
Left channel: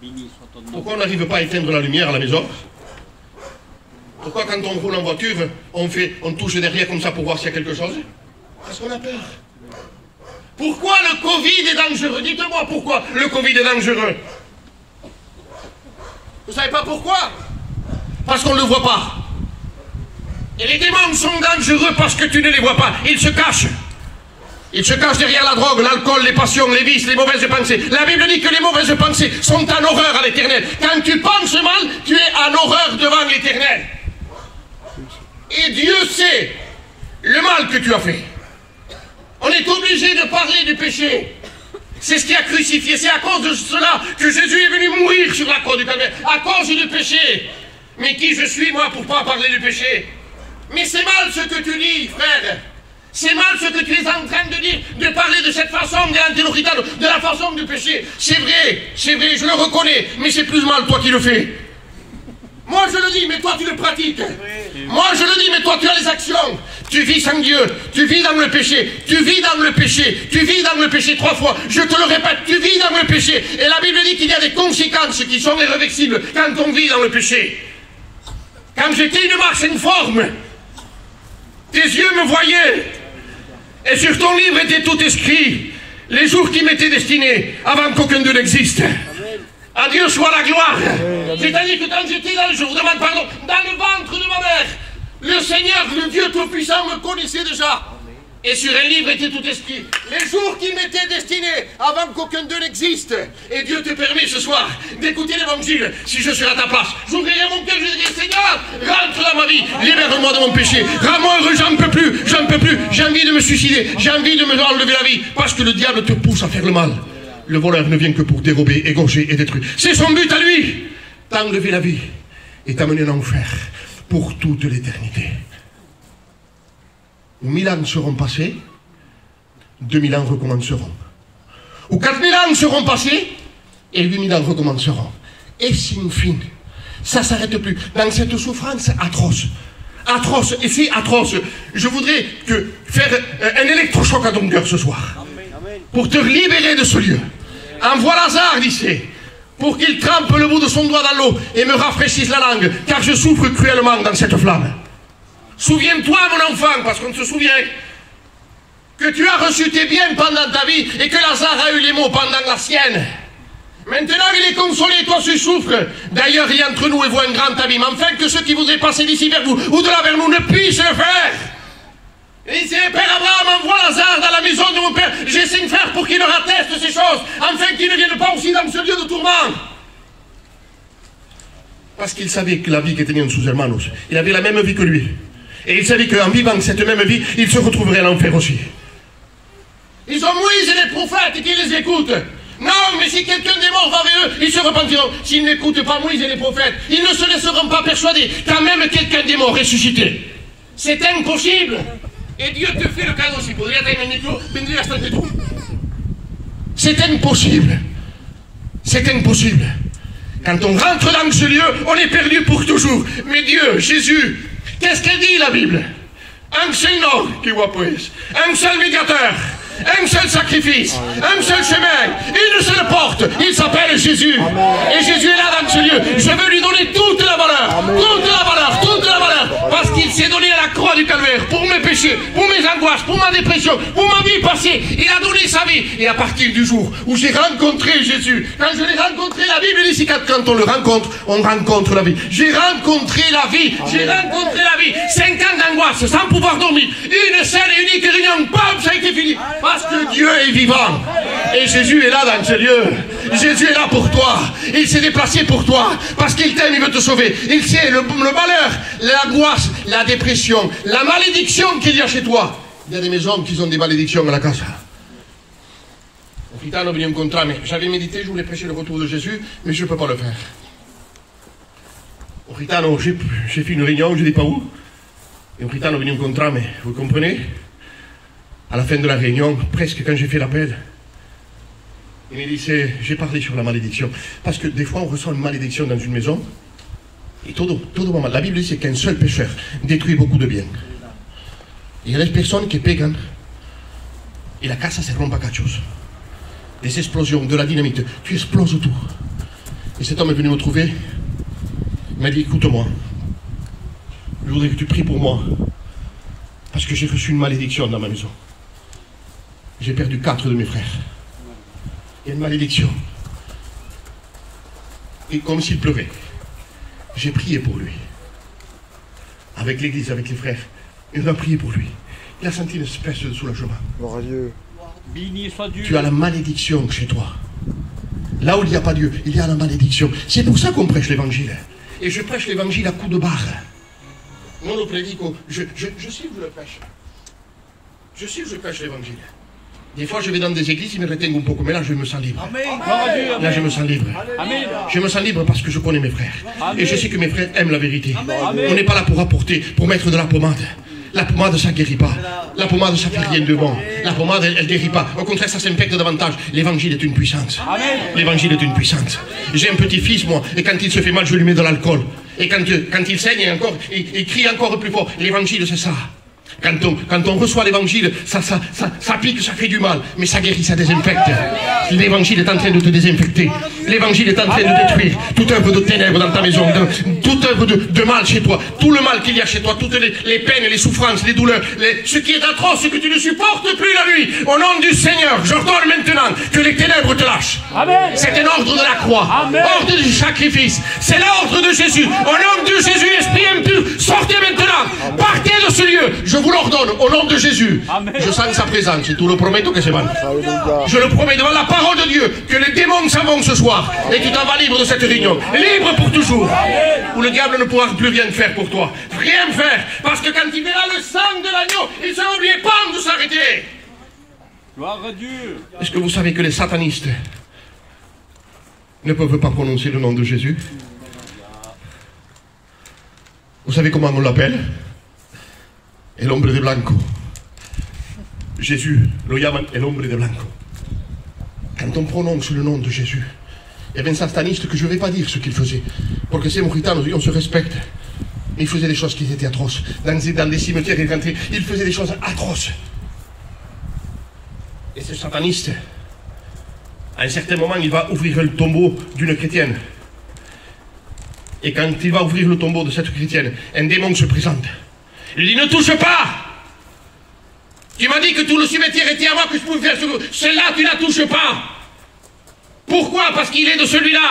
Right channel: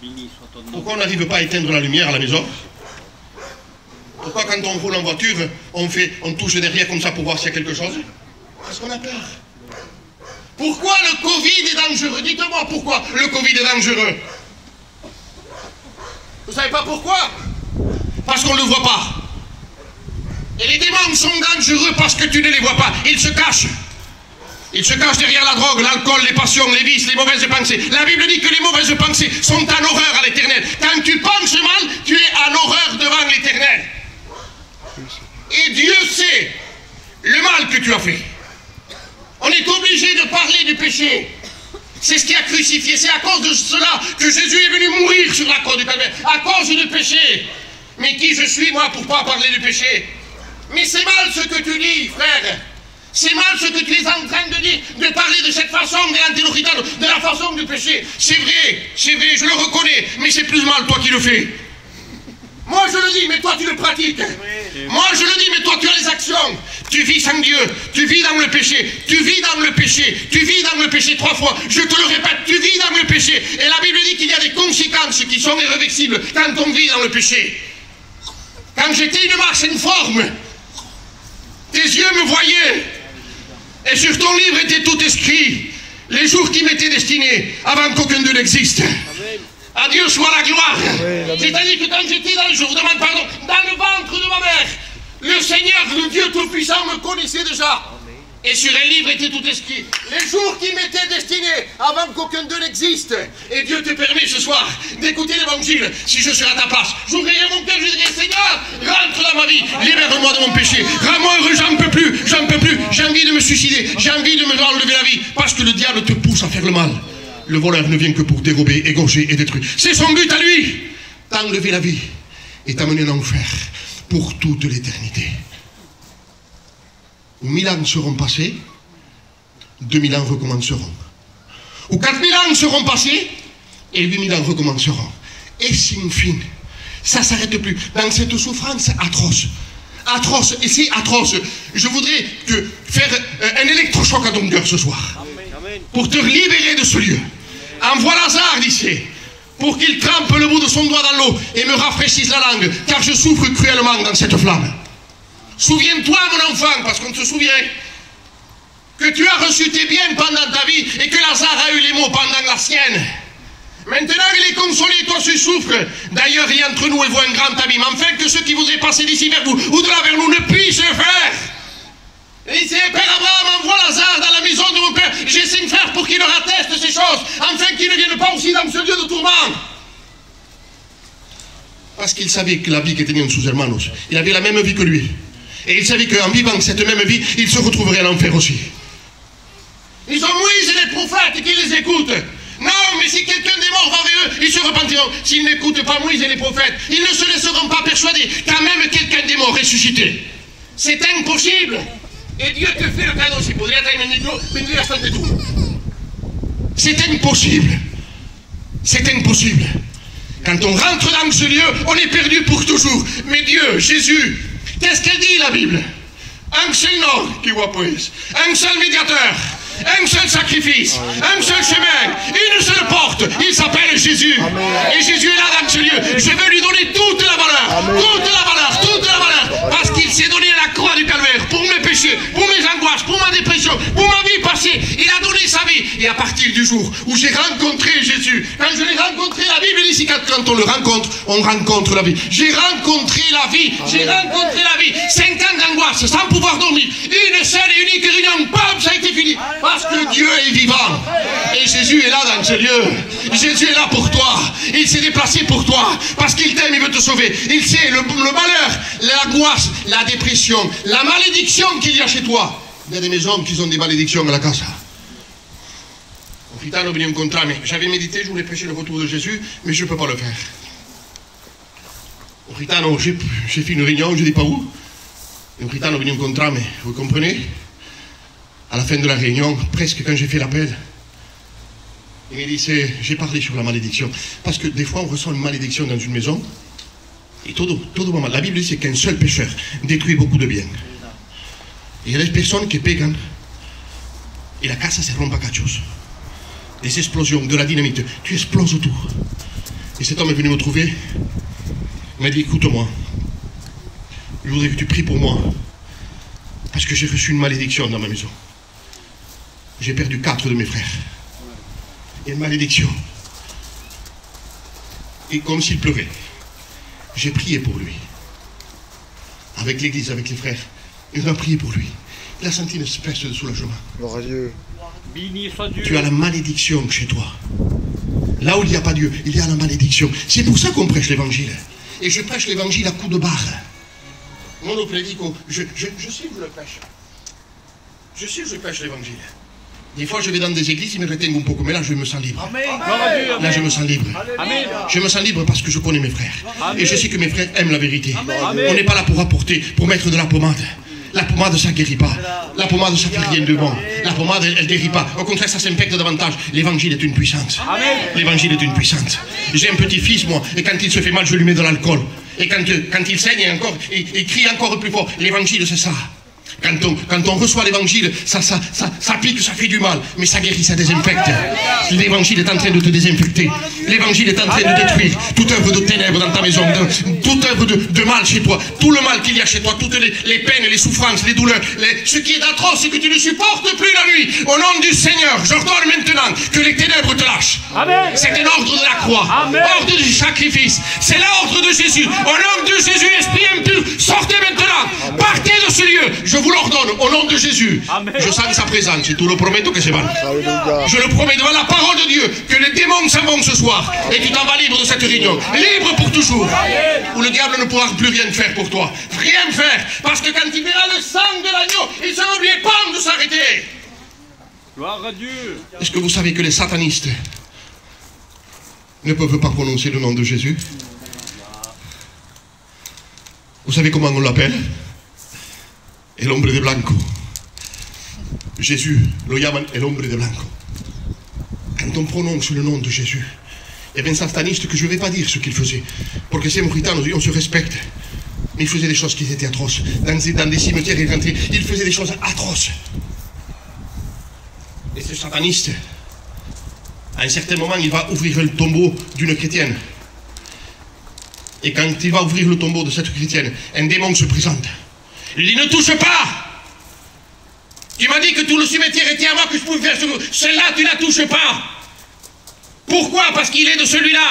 Béni soit ton nom. Pourquoi on n'arrive pas à éteindre la lumière à la maison? Pourquoi quand on roule en voiture, on touche derrière comme ça pour voir s'il y a quelque chose? Parce qu'on a peur. Pourquoi le Covid est dangereux? Dites-moi pourquoi le Covid est dangereux. Vous savez pas pourquoi? Parce qu'on ne le voit pas. Et les démons sont dangereux parce que tu ne les vois pas. Ils se cachent. Ils se cachent derrière la drogue, l'alcool, les passions, les vices, les mauvaises pensées. La Bible dit que les mauvaises pensées sont en horreur à l'éternel. Quand tu penses mal, tu es en horreur devant l'éternel. Et Dieu sait le mal que tu as fait. On est obligé de parler du péché. C'est ce qui a crucifié. C'est à cause de cela que Jésus est venu mourir sur la croix du Calvaire. À cause du péché. Mais qui je suis, moi, pour pas parler du péché? Mais c'est mal ce que tu dis, frère. C'est mal ce que tu es en train de dire, de parler de cette façon de la façon du péché. C'est vrai, je le reconnais, mais c'est plus mal toi qui le fais. Moi je le dis, mais toi tu le pratiques. Moi je le dis, mais toi tu as les actions. Tu vis sans Dieu, tu vis dans le péché, tu vis dans le péché, tu vis dans le péché 3 fois. Je te le répète, tu vis dans le péché. Et la Bible dit qu'il y a des conséquences qui sont irréversibles quand on vit dans le péché. Quand j'étais une marche informe, tes yeux me voyaient. Et sur ton livre était tout écrit, les jours qui m'étaient destinés, avant qu'aucun d'eux n'existe. À Dieu soit la gloire. C'est-à-dire que quand j'étais dans le ventre de ma mère, le Seigneur, le Dieu Tout-Puissant me connaissait déjà. Et sur un livre était tout écrit, les jours qui m'étaient destinés, avant qu'aucun d'eux n'existe. Et Dieu te permet ce soir d'écouter l'évangile. Si je serais à ta place, j'ouvrirais mon cœur, je dirais, Seigneur, rentre dans ma vie, libère-moi de mon péché, rends-moi heureux, j'en peux plus, j'ai envie de me suicider, j'ai envie de me enlever la vie, parce que le diable te pousse à faire le mal. Le voleur ne vient que pour dérober, égorger et détruire. C'est son but à lui, t'enlever la vie et t'amener en enfer pour toute l'éternité. 1000 ans seront passés, 2000 ans recommenceront. Ou 4000 ans seront passés, et 8000 ans recommenceront. Et sin fin. Ça ne s'arrête plus. Dans cette souffrance atroce. Atroce, et c'est atroce. Je voudrais faire un électrochoc à ton cœur ce soir. Pour te libérer de ce lieu. Envoie Lazare d'ici, pour qu'il trempe le bout de son doigt dans l'eau et me rafraîchisse la langue, car je souffre cruellement dans cette flamme. Souviens-toi, mon enfant, parce qu'on te souvient, que tu as reçu tes biens pendant ta vie et que Lazare a eu les maux pendant la sienne. Maintenant, il est consolé, toi tu souffres. D'ailleurs, il y a entre nous et vous un grand abîme, afin que ceux qui voudraient passer d'ici vers vous ou de là vers nous ne puissent le faire. Et il dit, Père Abraham, envoie Lazare dans la maison de mon père. J'essaie de faire pour qu'il leur atteste ces choses, afin qu'ils ne viennent pas aussi dans ce lieu de tourment. Parce qu'il savait que la vie qui était en sus hermanos, il avait la même vie que lui. Et il savait qu'en vivant cette même vie, il se retrouverait à l'enfer aussi. Ils ont Moïse et les prophètes qui les écoutent. Non, mais si quelqu'un des morts va vers eux, ils se repentiront. S'ils n'écoutent pas Moïse et les prophètes, ils ne se laisseront pas persuader qu'à même quelqu'un des morts ressuscité. C'est impossible. Et Dieu te fait le cadeau. C'est impossible. C'est impossible. Quand on rentre dans ce lieu, on est perdu pour toujours. Mais Dieu, Jésus, qu'est-ce qu'elle dit la Bible? Un seul nom qui voit plus, un seul médiateur, un seul sacrifice, un seul chemin, une seule porte. Il s'appelle Jésus. Et Jésus est là dans ce lieu. Je veux lui donner toute la valeur, toute la valeur, toute la valeur. Parce qu'il s'est donné à la croix du calvaire pour mes péchés, pour mes angoisses, pour ma dépression, pour ma vie passée. Il a donné sa vie. Et à partir du jour où j'ai rencontré Jésus, quand je l'ai rencontré, la Bible dit quand on le rencontre, on rencontre la vie. J'ai rencontré la vie. J'ai rencontré la vie. 5 ans d'angoisse, sans pouvoir dormir. Une seule et unique réunion. Bam, ça a été fini. Parce que Dieu est vivant. Et Jésus est là dans ce lieu. Jésus est là pour toi. Il s'est déplacé pour toi. Parce qu'il t'aime, il veut te sauver. Il sait le malheur, l'angoisse, la dépression, la malédiction qu'il y a chez toi. Il y a des maisons qui ont des malédictions à la casa. Au Ritano venu me incontrer, mais j'avais médité, je voulais prêcher le retour de Jésus, mais je ne peux pas le faire. Au Ritano, j'ai fait une réunion, je ne dis pas où. Au Ritano venu me incontrer, mais vous comprenez? À la fin de la réunion, presque quand j'ai fait l'appel, il m'a dit, j'ai parlé sur la malédiction. Parce que des fois, on ressent une malédiction dans une maison. Et tout moment, la Bible dit c'est qu'un seul pécheur détruit beaucoup de biens. Il y a des personnes qui pegan et la casa se rompe à cachos. Des explosions, de la dynamite, tu exploses tout. Et cet homme est venu me trouver, il m'a dit, écoute-moi, je voudrais que tu pries pour moi, parce que j'ai reçu une malédiction dans ma maison. J'ai perdu 4 de mes frères. Il y a une malédiction. Et comme s'il pleuvait. J'ai prié pour lui. Avec l'église, avec les frères. Ils ont prié pour lui. Il a senti une espèce de soulagement. Gloire à Dieu. Tu as la malédiction chez toi. Là où il n'y a pas Dieu, il y a la malédiction. C'est pour ça qu'on prêche l'évangile. Et je prêche l'évangile à coups de barre. Non, le prédico. Je sais que je le prêche. Je sais que je prêche l'évangile. Des fois, je vais dans des églises, ils me reteignent un peu, mais là, je me sens libre. Là, je me sens libre. Je me sens libre parce que je connais mes frères. Et je sais que mes frères aiment la vérité. On n'est pas là pour apporter, pour mettre de la pommade. La pommade, ça ne guérit pas. La pommade, ça ne fait rien de bon. La pommade, elle ne guérit pas. Au contraire, ça s'infecte davantage. L'évangile est une puissance. L'évangile est une puissance. J'ai un petit-fils, moi, et quand il se fait mal, je lui mets de l'alcool. Et quand il saigne encore, il crie encore plus fort. L'évangile, c'est ça. Quand on reçoit l'évangile, ça pique, ça fait du mal, mais ça guérit, ça désinfecte. L'évangile est en train de te désinfecter. L'évangile est en train de détruire toute œuvre de ténèbres dans ta maison, toute œuvre de mal chez toi, tout le mal qu'il y a chez toi, toutes les peines, les souffrances, les douleurs, ce qui est atroce, c'est que tu ne supportes plus la nuit. Au nom du Seigneur, j'ordonne maintenant que les ténèbres te lâchent. C'est un ordre de la croix, ordre du sacrifice. C'est l'ordre de Jésus. Au nom de Jésus, esprit impur, sortez maintenant. Partez de ce lieu. Je vous l'ordonne au nom de Jésus. Je sens sa présence et tout le promets que c'est bon. Je le promets devant la parole de Dieu que les démons s'en vont ce soir et tu t'en vas libre de cette réunion. Libre pour toujours. Où le diable ne pourra plus rien faire pour toi. Rien faire. Parce que quand il verra le sang de l'agneau, il sera oublié pas de s'arrêter. Gloire à Dieu. Est-ce que vous savez que les satanistes ne peuvent pas prononcer le nom de Jésus? Vous savez comment on l'appelle? El hombre de blanco. Jésus, lo llaman el hombre de blanco. Quand on prononce le nom de Jésus, il y avait un sataniste que je ne vais pas dire ce qu'il faisait. Parce que c'est Mauritanie, on se respecte. Mais il faisait des choses qui étaient atroces. Dans des cimetières, il faisait des choses atroces. Et ce sataniste, à un certain moment, il va ouvrir le tombeau d'une chrétienne. Et quand il va ouvrir le tombeau de cette chrétienne, un démon se présente. Il dit, ne touche pas. Tu m'as dit que tout le cimetière était à moi, que je pouvais faire celle-là, tu ne la touches pas. Pourquoi? Parce qu'il est de celui-là.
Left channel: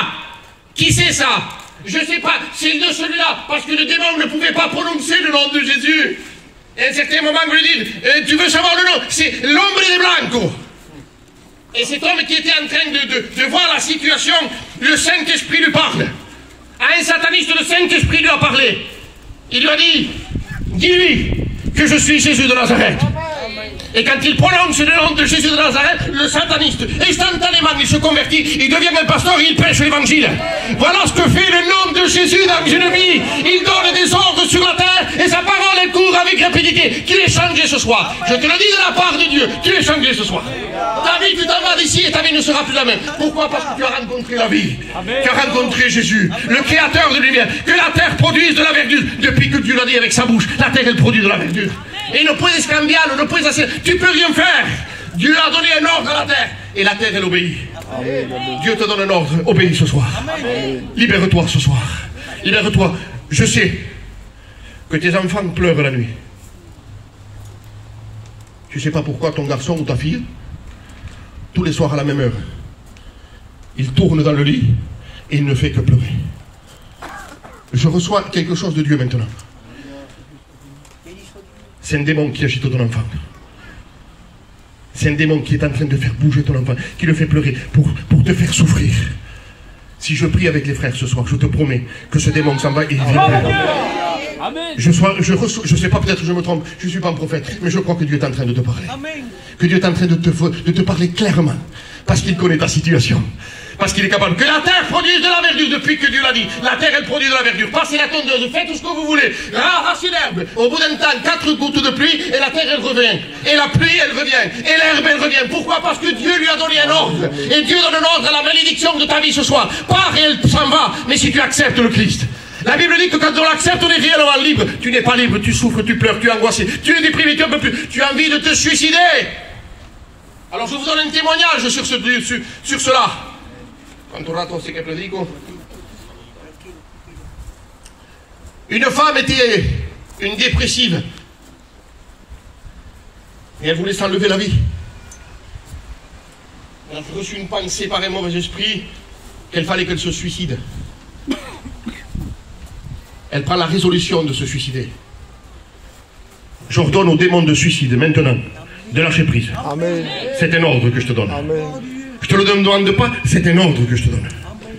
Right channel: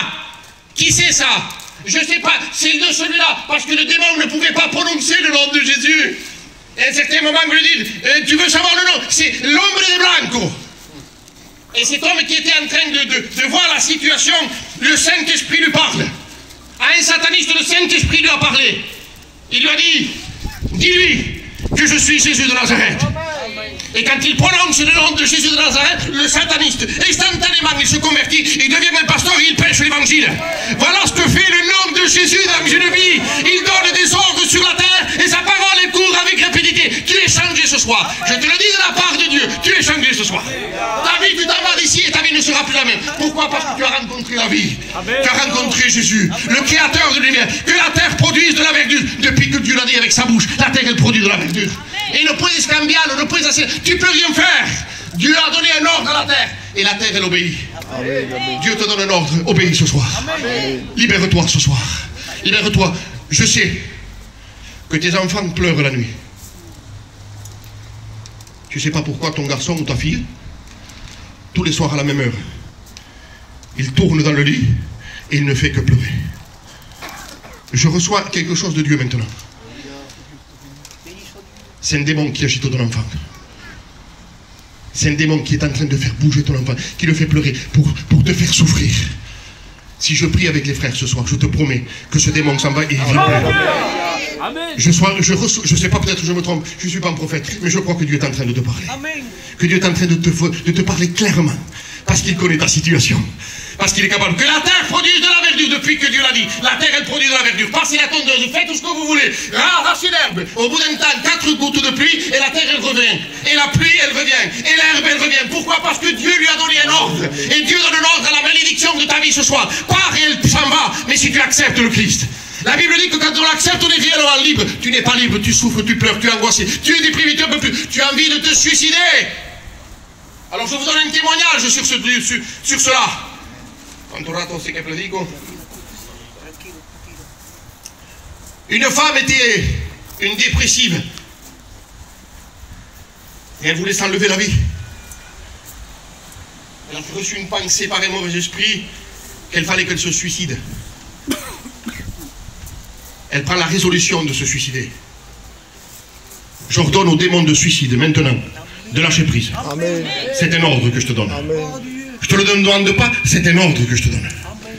Qui c'est ça? Je ne sais pas, c'est de celui-là. Parce que le démon ne pouvait pas prononcer le nom de Jésus. Et à un certain moment, je lui dis, tu veux savoir le nom? C'est l'homme de blanco. Et cet homme qui était en train de voir la situation, le Saint-Esprit lui parle. À un sataniste, le Saint-Esprit lui a parlé. Il lui a dit, dis-lui que je suis Jésus de Nazareth. Et quand il prononce le nom de Jésus de Nazareth, le sataniste, instantanément, il se convertit, il devient un pasteur et il prêche l'évangile. Voilà ce que fait le nom de Jésus dans une vie. Il donne des ordres sur la terre et sa parole est court avec rapidité. Tu es changé ce soir. Je te le dis de la part de Dieu, tu es changé ce soir. Ta vie, tu t'en vas d'ici et ta vie ne sera plus la même. Pourquoi? Parce que tu as rencontré la vie. Tu as rencontré Jésus, le créateur de l'univers. Que la terre produise de la verdure. Depuis que Dieu l'a dit avec sa bouche, la terre elle produit de la verdure. Et ne puedes cambiarlo, no puedes hacer. Tu peux rien faire. Dieu a donné un ordre à la terre. Et la terre, elle obéit. Amen. Dieu te donne un ordre. Obéis ce soir. Libère-toi ce soir. Libère-toi. Je sais que tes enfants pleurent la nuit. Tu ne sais pas pourquoi ton garçon ou ta fille, tous les soirs à la même heure, il tourne dans le lit et il ne fait que pleurer. Je reçois quelque chose de Dieu maintenant. C'est un démon qui agite ton enfant. C'est un démon qui est en train de faire bouger ton enfant, qui le fait pleurer pour te faire souffrir. Si je prie avec les frères ce soir, je te promets que ce démon s'en va et il vient. Je ne sais pas, peut-être je me trompe, je ne suis pas un prophète, mais je crois que Dieu est en train de te parler. Amen. Que Dieu est en train de te parler clairement, parce qu'il connaît ta situation. Parce qu'il est capable que la terre produise de la verdure depuis que Dieu l'a dit. La terre, elle produit de la verdure. Passez la tondeuse, faites tout ce que vous voulez. Arrachez l'herbe. Au bout d'un temps, 4 gouttes de pluie et la terre, elle revient. Et la pluie, elle revient. Et l'herbe, elle revient. Pourquoi? Parce que Dieu lui a donné un ordre. Et Dieu donne un ordre à la malédiction de ta vie ce soir. Pars et elle s'en va. Mais si tu acceptes le Christ. La Bible dit que quand on accepte, on est réellement libre. Tu n'es pas libre, tu souffres, tu pleures, tu es angoissé. Tu es déprimé, tu en peux plus. Tu as envie de te suicider. Alors je vous donne un témoignage sur cela. Une femme était une dépressive et elle voulait s'enlever la vie. Elle a reçu une pensée par un mauvais esprit qu'il fallait qu'elle se suicide. Elle prend la résolution de se suicider. J'ordonne au démon de suicide maintenant de lâcher prise. C'est un ordre que je te donne. Amen. Je te le demande pas, c'est un ordre que je te donne. Amen.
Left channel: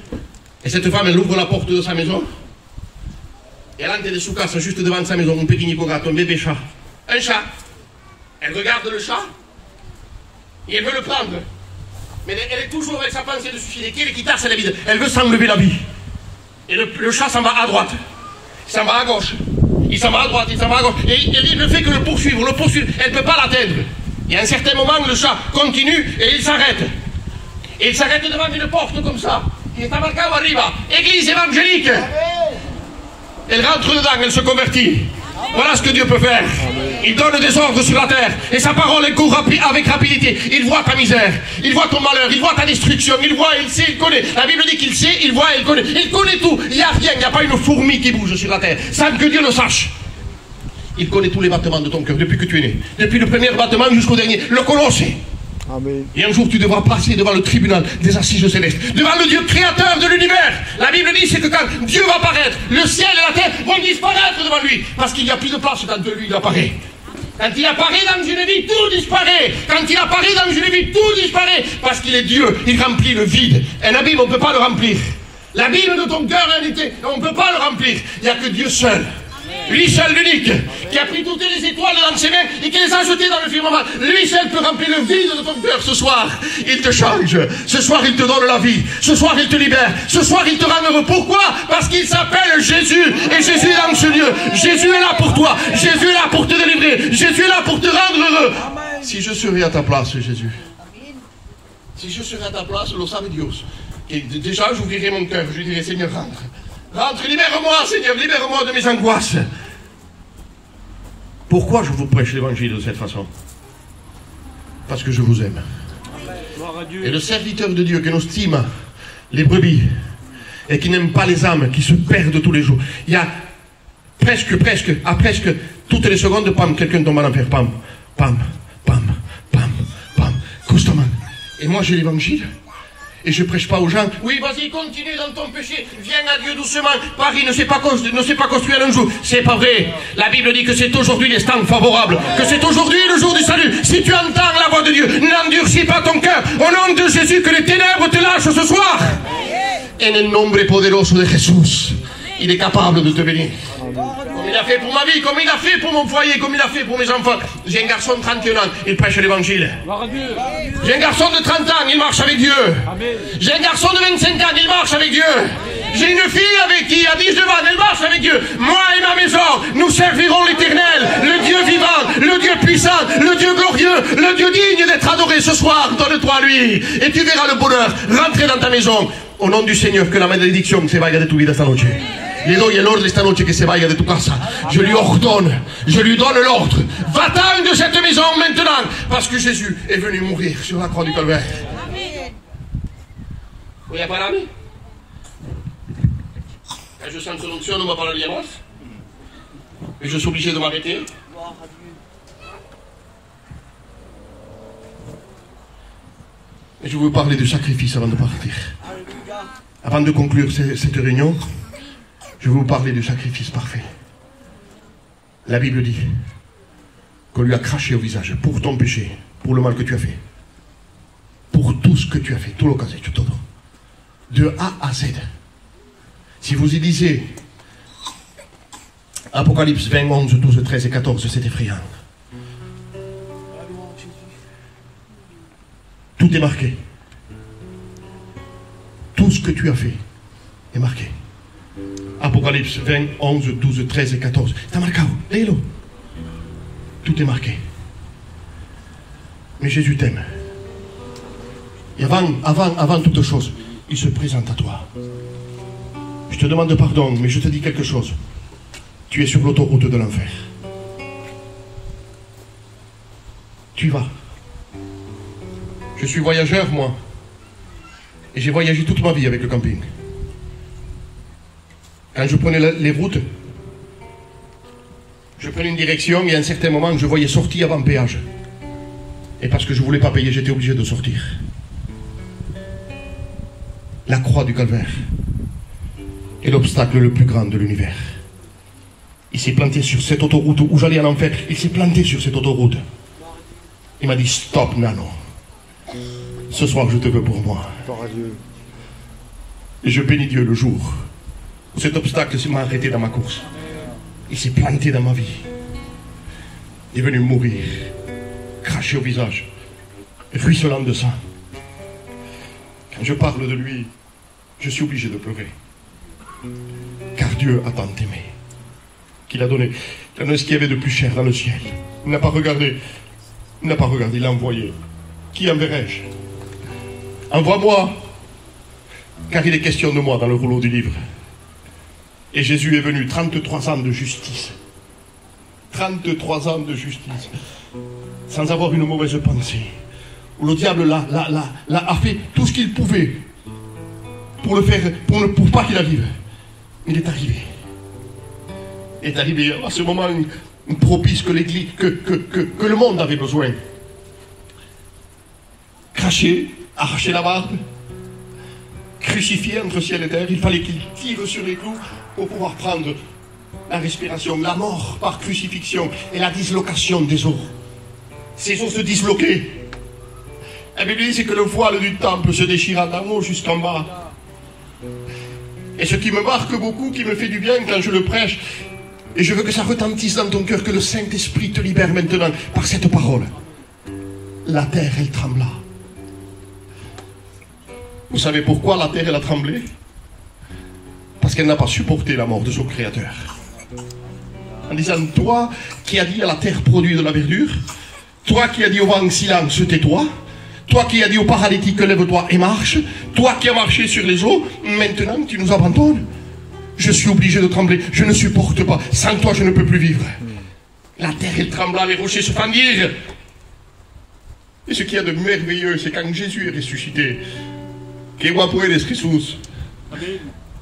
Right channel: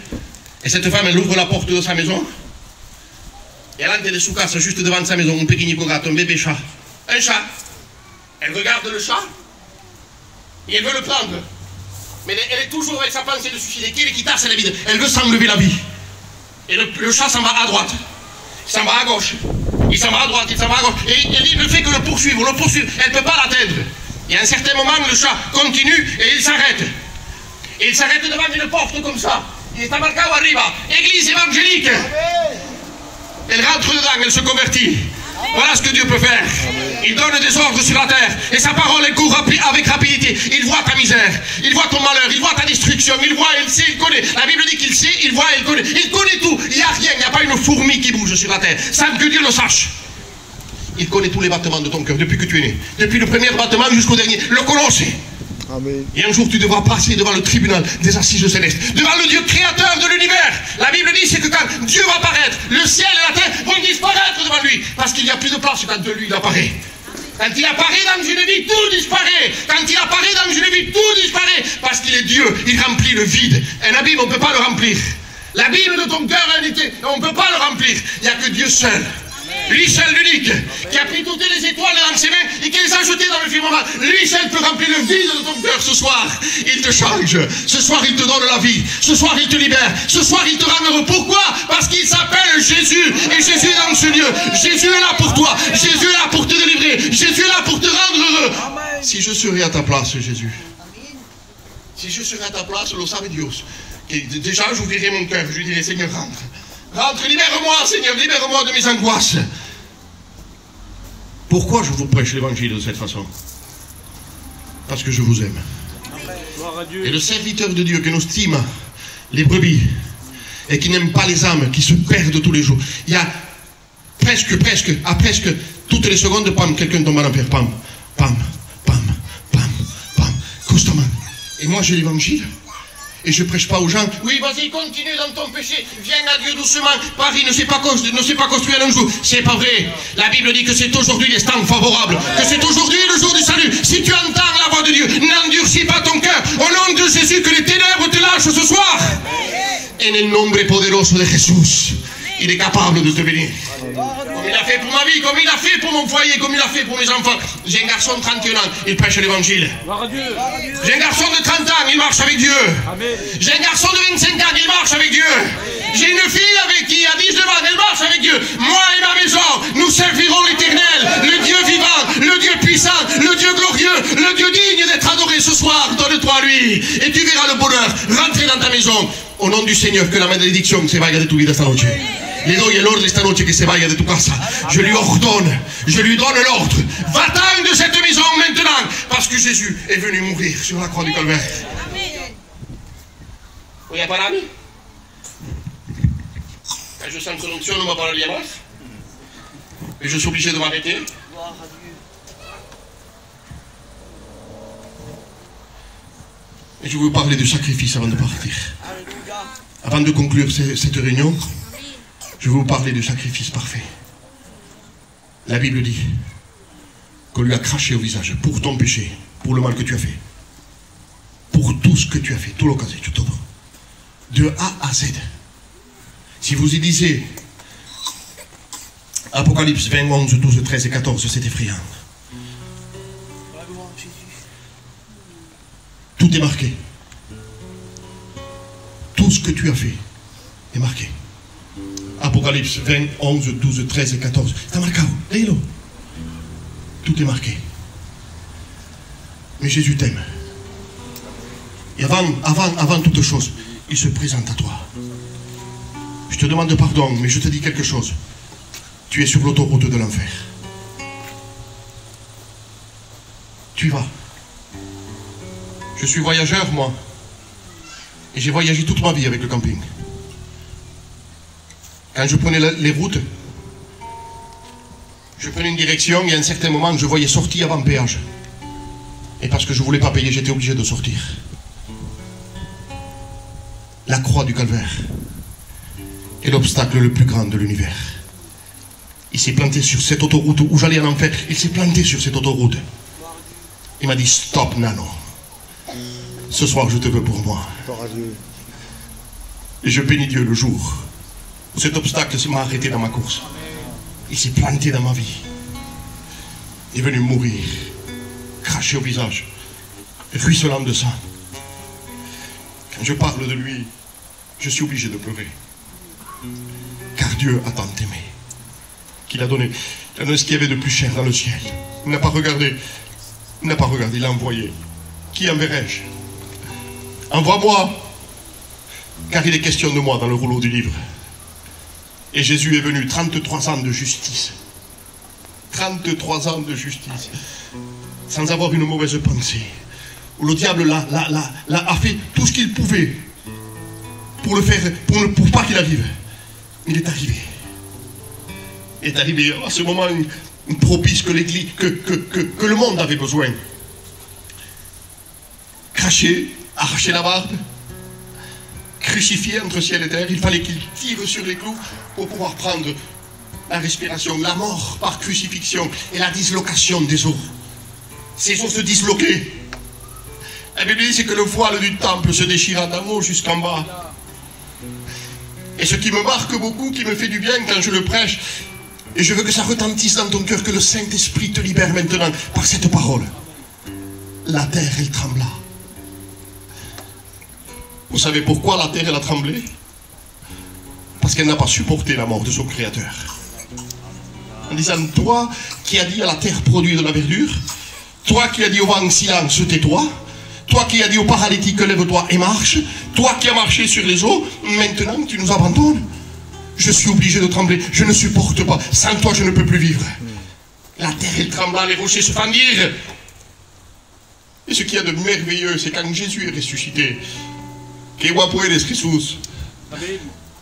Et cette femme, elle ouvre la porte de sa maison. Et elle entre de sous casse juste devant sa maison, un pequeñito gato, un bébé chat. Un chat. Elle regarde le chat et elle veut le prendre. Mais elle est toujours avec sa pensée de suicider. Qu'elle quitte la vie. Elle veut s'enlever la vie. Et le chat s'en va à droite. Il s'en va à gauche. Il s'en va à droite, il s'en va à gauche. Et il ne fait que le poursuivre. Elle ne peut pas l'atteindre. Et à un certain moment, le chat continue et il s'arrête. Et il s'arrête devant une porte comme ça. Il est marqué arriba. Église évangélique. Elle rentre dedans, elle se convertit. Voilà ce que Dieu peut faire. Il donne des ordres sur la terre. Et sa parole, elle court avec rapidité. Il voit ta misère. Il voit ton malheur. Il voit ta destruction. Il voit, il sait, il connaît. La Bible dit qu'il sait, il voit, il connaît. Il connaît tout. Il n'y a rien. Il n'y a pas une fourmi qui bouge sur la terre sans que Dieu le sache. Il connaît tous les battements de ton cœur depuis que tu es né. Depuis le premier battement jusqu'au dernier. Le colosse. Amen. Et un jour tu devras passer devant le tribunal des assises célestes, devant le Dieu créateur de l'univers. La Bible dit c'est que quand Dieu va apparaître, le ciel et la terre vont disparaître devant lui, parce qu'il n'y a plus de place quand lui il apparaît. Quand il apparaît dans une vie, tout disparaît. Quand il apparaît dans une vie, tout disparaît, parce qu'il est Dieu, il remplit le vide. Un abîme, on ne peut pas le remplir. L'abîme de ton cœur, on ne peut pas le remplir. Il n'y a que Dieu seul. Lui seul, l'unique, qui a pris toutes les étoiles dans ses mains et qui les a jetées dans le firmament. Lui seul peut remplir le vide de ton cœur ce soir. Il te change. Ce soir, il te donne la vie. Ce soir, il te libère. Ce soir, il te rend heureux. Pourquoi? Parce qu'il s'appelle Jésus. Et Jésus est dans ce lieu. Jésus est là pour toi. Jésus est là pour te délivrer. Jésus est là pour te rendre heureux. Si je serais à ta place, Jésus. Si je serais à ta place, lo sabe Dieu. Déjà, j'ouvrirais mon cœur. Je lui dirais, Seigneur, rentre. Rentre, libère-moi, Seigneur, libère-moi de mes angoisses. Pourquoi je vous prêche l'évangile de cette façon? Parce que je vous aime. Et le serviteur de Dieu qui nous estime les brebis et qui n'aime pas les âmes qui se perdent tous les jours. Il y a presque toutes les secondes, pam, quelqu'un tombe à l'enfer, pam, pam, pam, pam, pam, constamment. Et moi j'ai l'évangile. Et je ne prêche pas aux gens, oui, vas-y, continue dans ton péché, viens à Dieu doucement. Paris ne s'est pas construit en un jour. C'est pas vrai. La Bible dit que c'est aujourd'hui l'instant favorable, que c'est aujourd'hui le jour du salut. Si tu entends la voix de Dieu, n'endurcis pas ton cœur. Au nom de Jésus, que les ténèbres te lâchent ce soir. En el nombre poderoso de Jesús. il est capable de te bénir. Comme il a fait pour ma vie, comme il a fait pour mon foyer, comme il a fait pour mes enfants. J'ai un garçon de 31 ans, il prêche l'évangile. J'ai un garçon de 30 ans, il marche avec Dieu. J'ai un garçon de 25 ans, il marche avec Dieu. J'ai une fille avec qui, à 19 ans, elle marche avec Dieu. Moi et ma maison, nous servirons l'Éternel, le Dieu vivant, le Dieu puissant, le Dieu glorieux, le Dieu digne d'être adoré ce soir. Donne-toi à lui et tu verras le bonheur rentrer dans ta maison. Au nom du Seigneur, que la malédiction se vaya de tu vida esta noche. Le doy el ordre esta noche que se vaya de tu casa. Je lui ordonne, je lui donne l'ordre. Va-t'en de cette maison maintenant, parce que Jésus est venu mourir sur la croix du Calvaire. Voy a pararme. Quand je sens son onction, on ne me parlerait pas. Mais je suis obligé de m'arrêter. Et je veux parler du sacrifice avant de partir. Avant de conclure cette réunion, je veux vous parler du sacrifice parfait. La Bible dit qu'on lui a craché au visage pour ton péché, pour le mal que tu as fait, pour tout ce que tu as fait, tout l'occasion, de A à Z. Si vous y lisez Apocalypse 20, 11, 12, 13 et 14, c'est effrayant. Tout est marqué. Tout ce que tu as fait est marqué. Apocalypse 20, 11, 12, 13 et 14. Está marcado, léelo. Tout est marqué. Mais Jésus t'aime. Et avant toute chose, il se présente à toi. Je te demande pardon, mais je te dis quelque chose. Tu es sur l'autoroute de l'enfer. Tu y vas. Je suis voyageur, moi. Et j'ai voyagé toute ma vie avec le camping. Quand je prenais les routes, je prenais une direction et à un certain moment, je voyais sortie avant péage. Et parce que je ne voulais pas payer, j'étais obligé de sortir. La croix du Calvaire est l'obstacle le plus grand de l'univers. Il s'est planté sur cette autoroute où j'allais à l'enfer. Il s'est planté sur cette autoroute. Il m'a dit, stop, Nano. Ce soir, je te veux pour moi. Et je bénis Dieu le jour où cet obstacle m'a arrêté dans ma course. Il s'est planté dans ma vie. Il est venu mourir, craché au visage, ruisselant de sang. Quand je parle de lui, je suis obligé de pleurer. Car Dieu a tant aimé qu'il a donné ce qu'il y avait de plus cher dans le ciel. Il n'a pas regardé, il l'a envoyé. Qui enverrai-je? Envoie-moi, car il est question de moi dans le rouleau du livre. Et Jésus est venu, 33 ans de justice. 33 ans de justice. Sans avoir une mauvaise pensée. Où le diable a fait tout ce qu'il pouvait pour le faire, pour pas qu'il arrive. Il est arrivé. Il est arrivé à ce moment propice que l'Église, que le monde avait besoin. Craché, arraché la barbe, crucifié entre ciel et terre, il fallait qu'il tire sur les clous pour pouvoir prendre la respiration, la mort par crucifixion et la dislocation des os. Ces os se disloquaient. La Bible dit que le voile du temple se déchira d'en haut jusqu'en bas. Et ce qui me marque beaucoup, qui me fait du bien quand je le prêche, et je veux que ça retentisse dans ton cœur, que le Saint-Esprit te libère maintenant par cette parole. La terre, elle trembla. Vous savez pourquoi la terre, elle a tremblé? Parce qu'elle n'a pas supporté la mort de son Créateur. En disant, toi qui as dit à la terre, produis de la verdure, toi qui as dit au vent, silence, tais-toi, toi qui as dit au paralytique, lève-toi et marche, toi qui as marché sur les eaux, maintenant tu nous abandonnes. Je suis obligé de trembler, je ne supporte pas, sans toi je ne peux plus vivre. La terre, elle trembla, les rochers se fendirent. Et ce qu'il y a de merveilleux, c'est quand Jésus est ressuscité,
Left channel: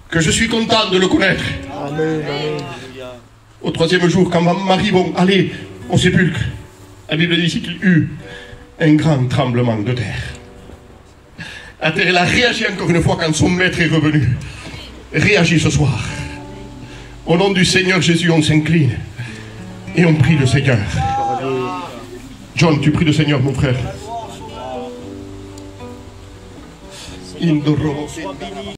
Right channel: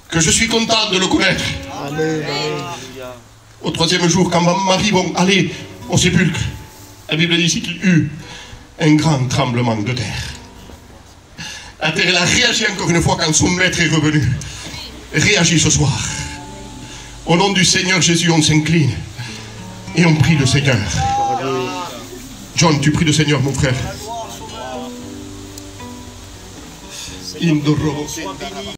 que je suis content de le connaître. Amen, amen. Au troisième jour, quand Marie vont aller au sépulcre, la Bible dit ici qu'il y eut un grand tremblement de terre. La terre, elle a réagi encore une fois quand son maître est revenu. Réagis ce soir. Au nom du Seigneur Jésus, on s'incline et on prie le Seigneur. John, tu pries le Seigneur, mon frère.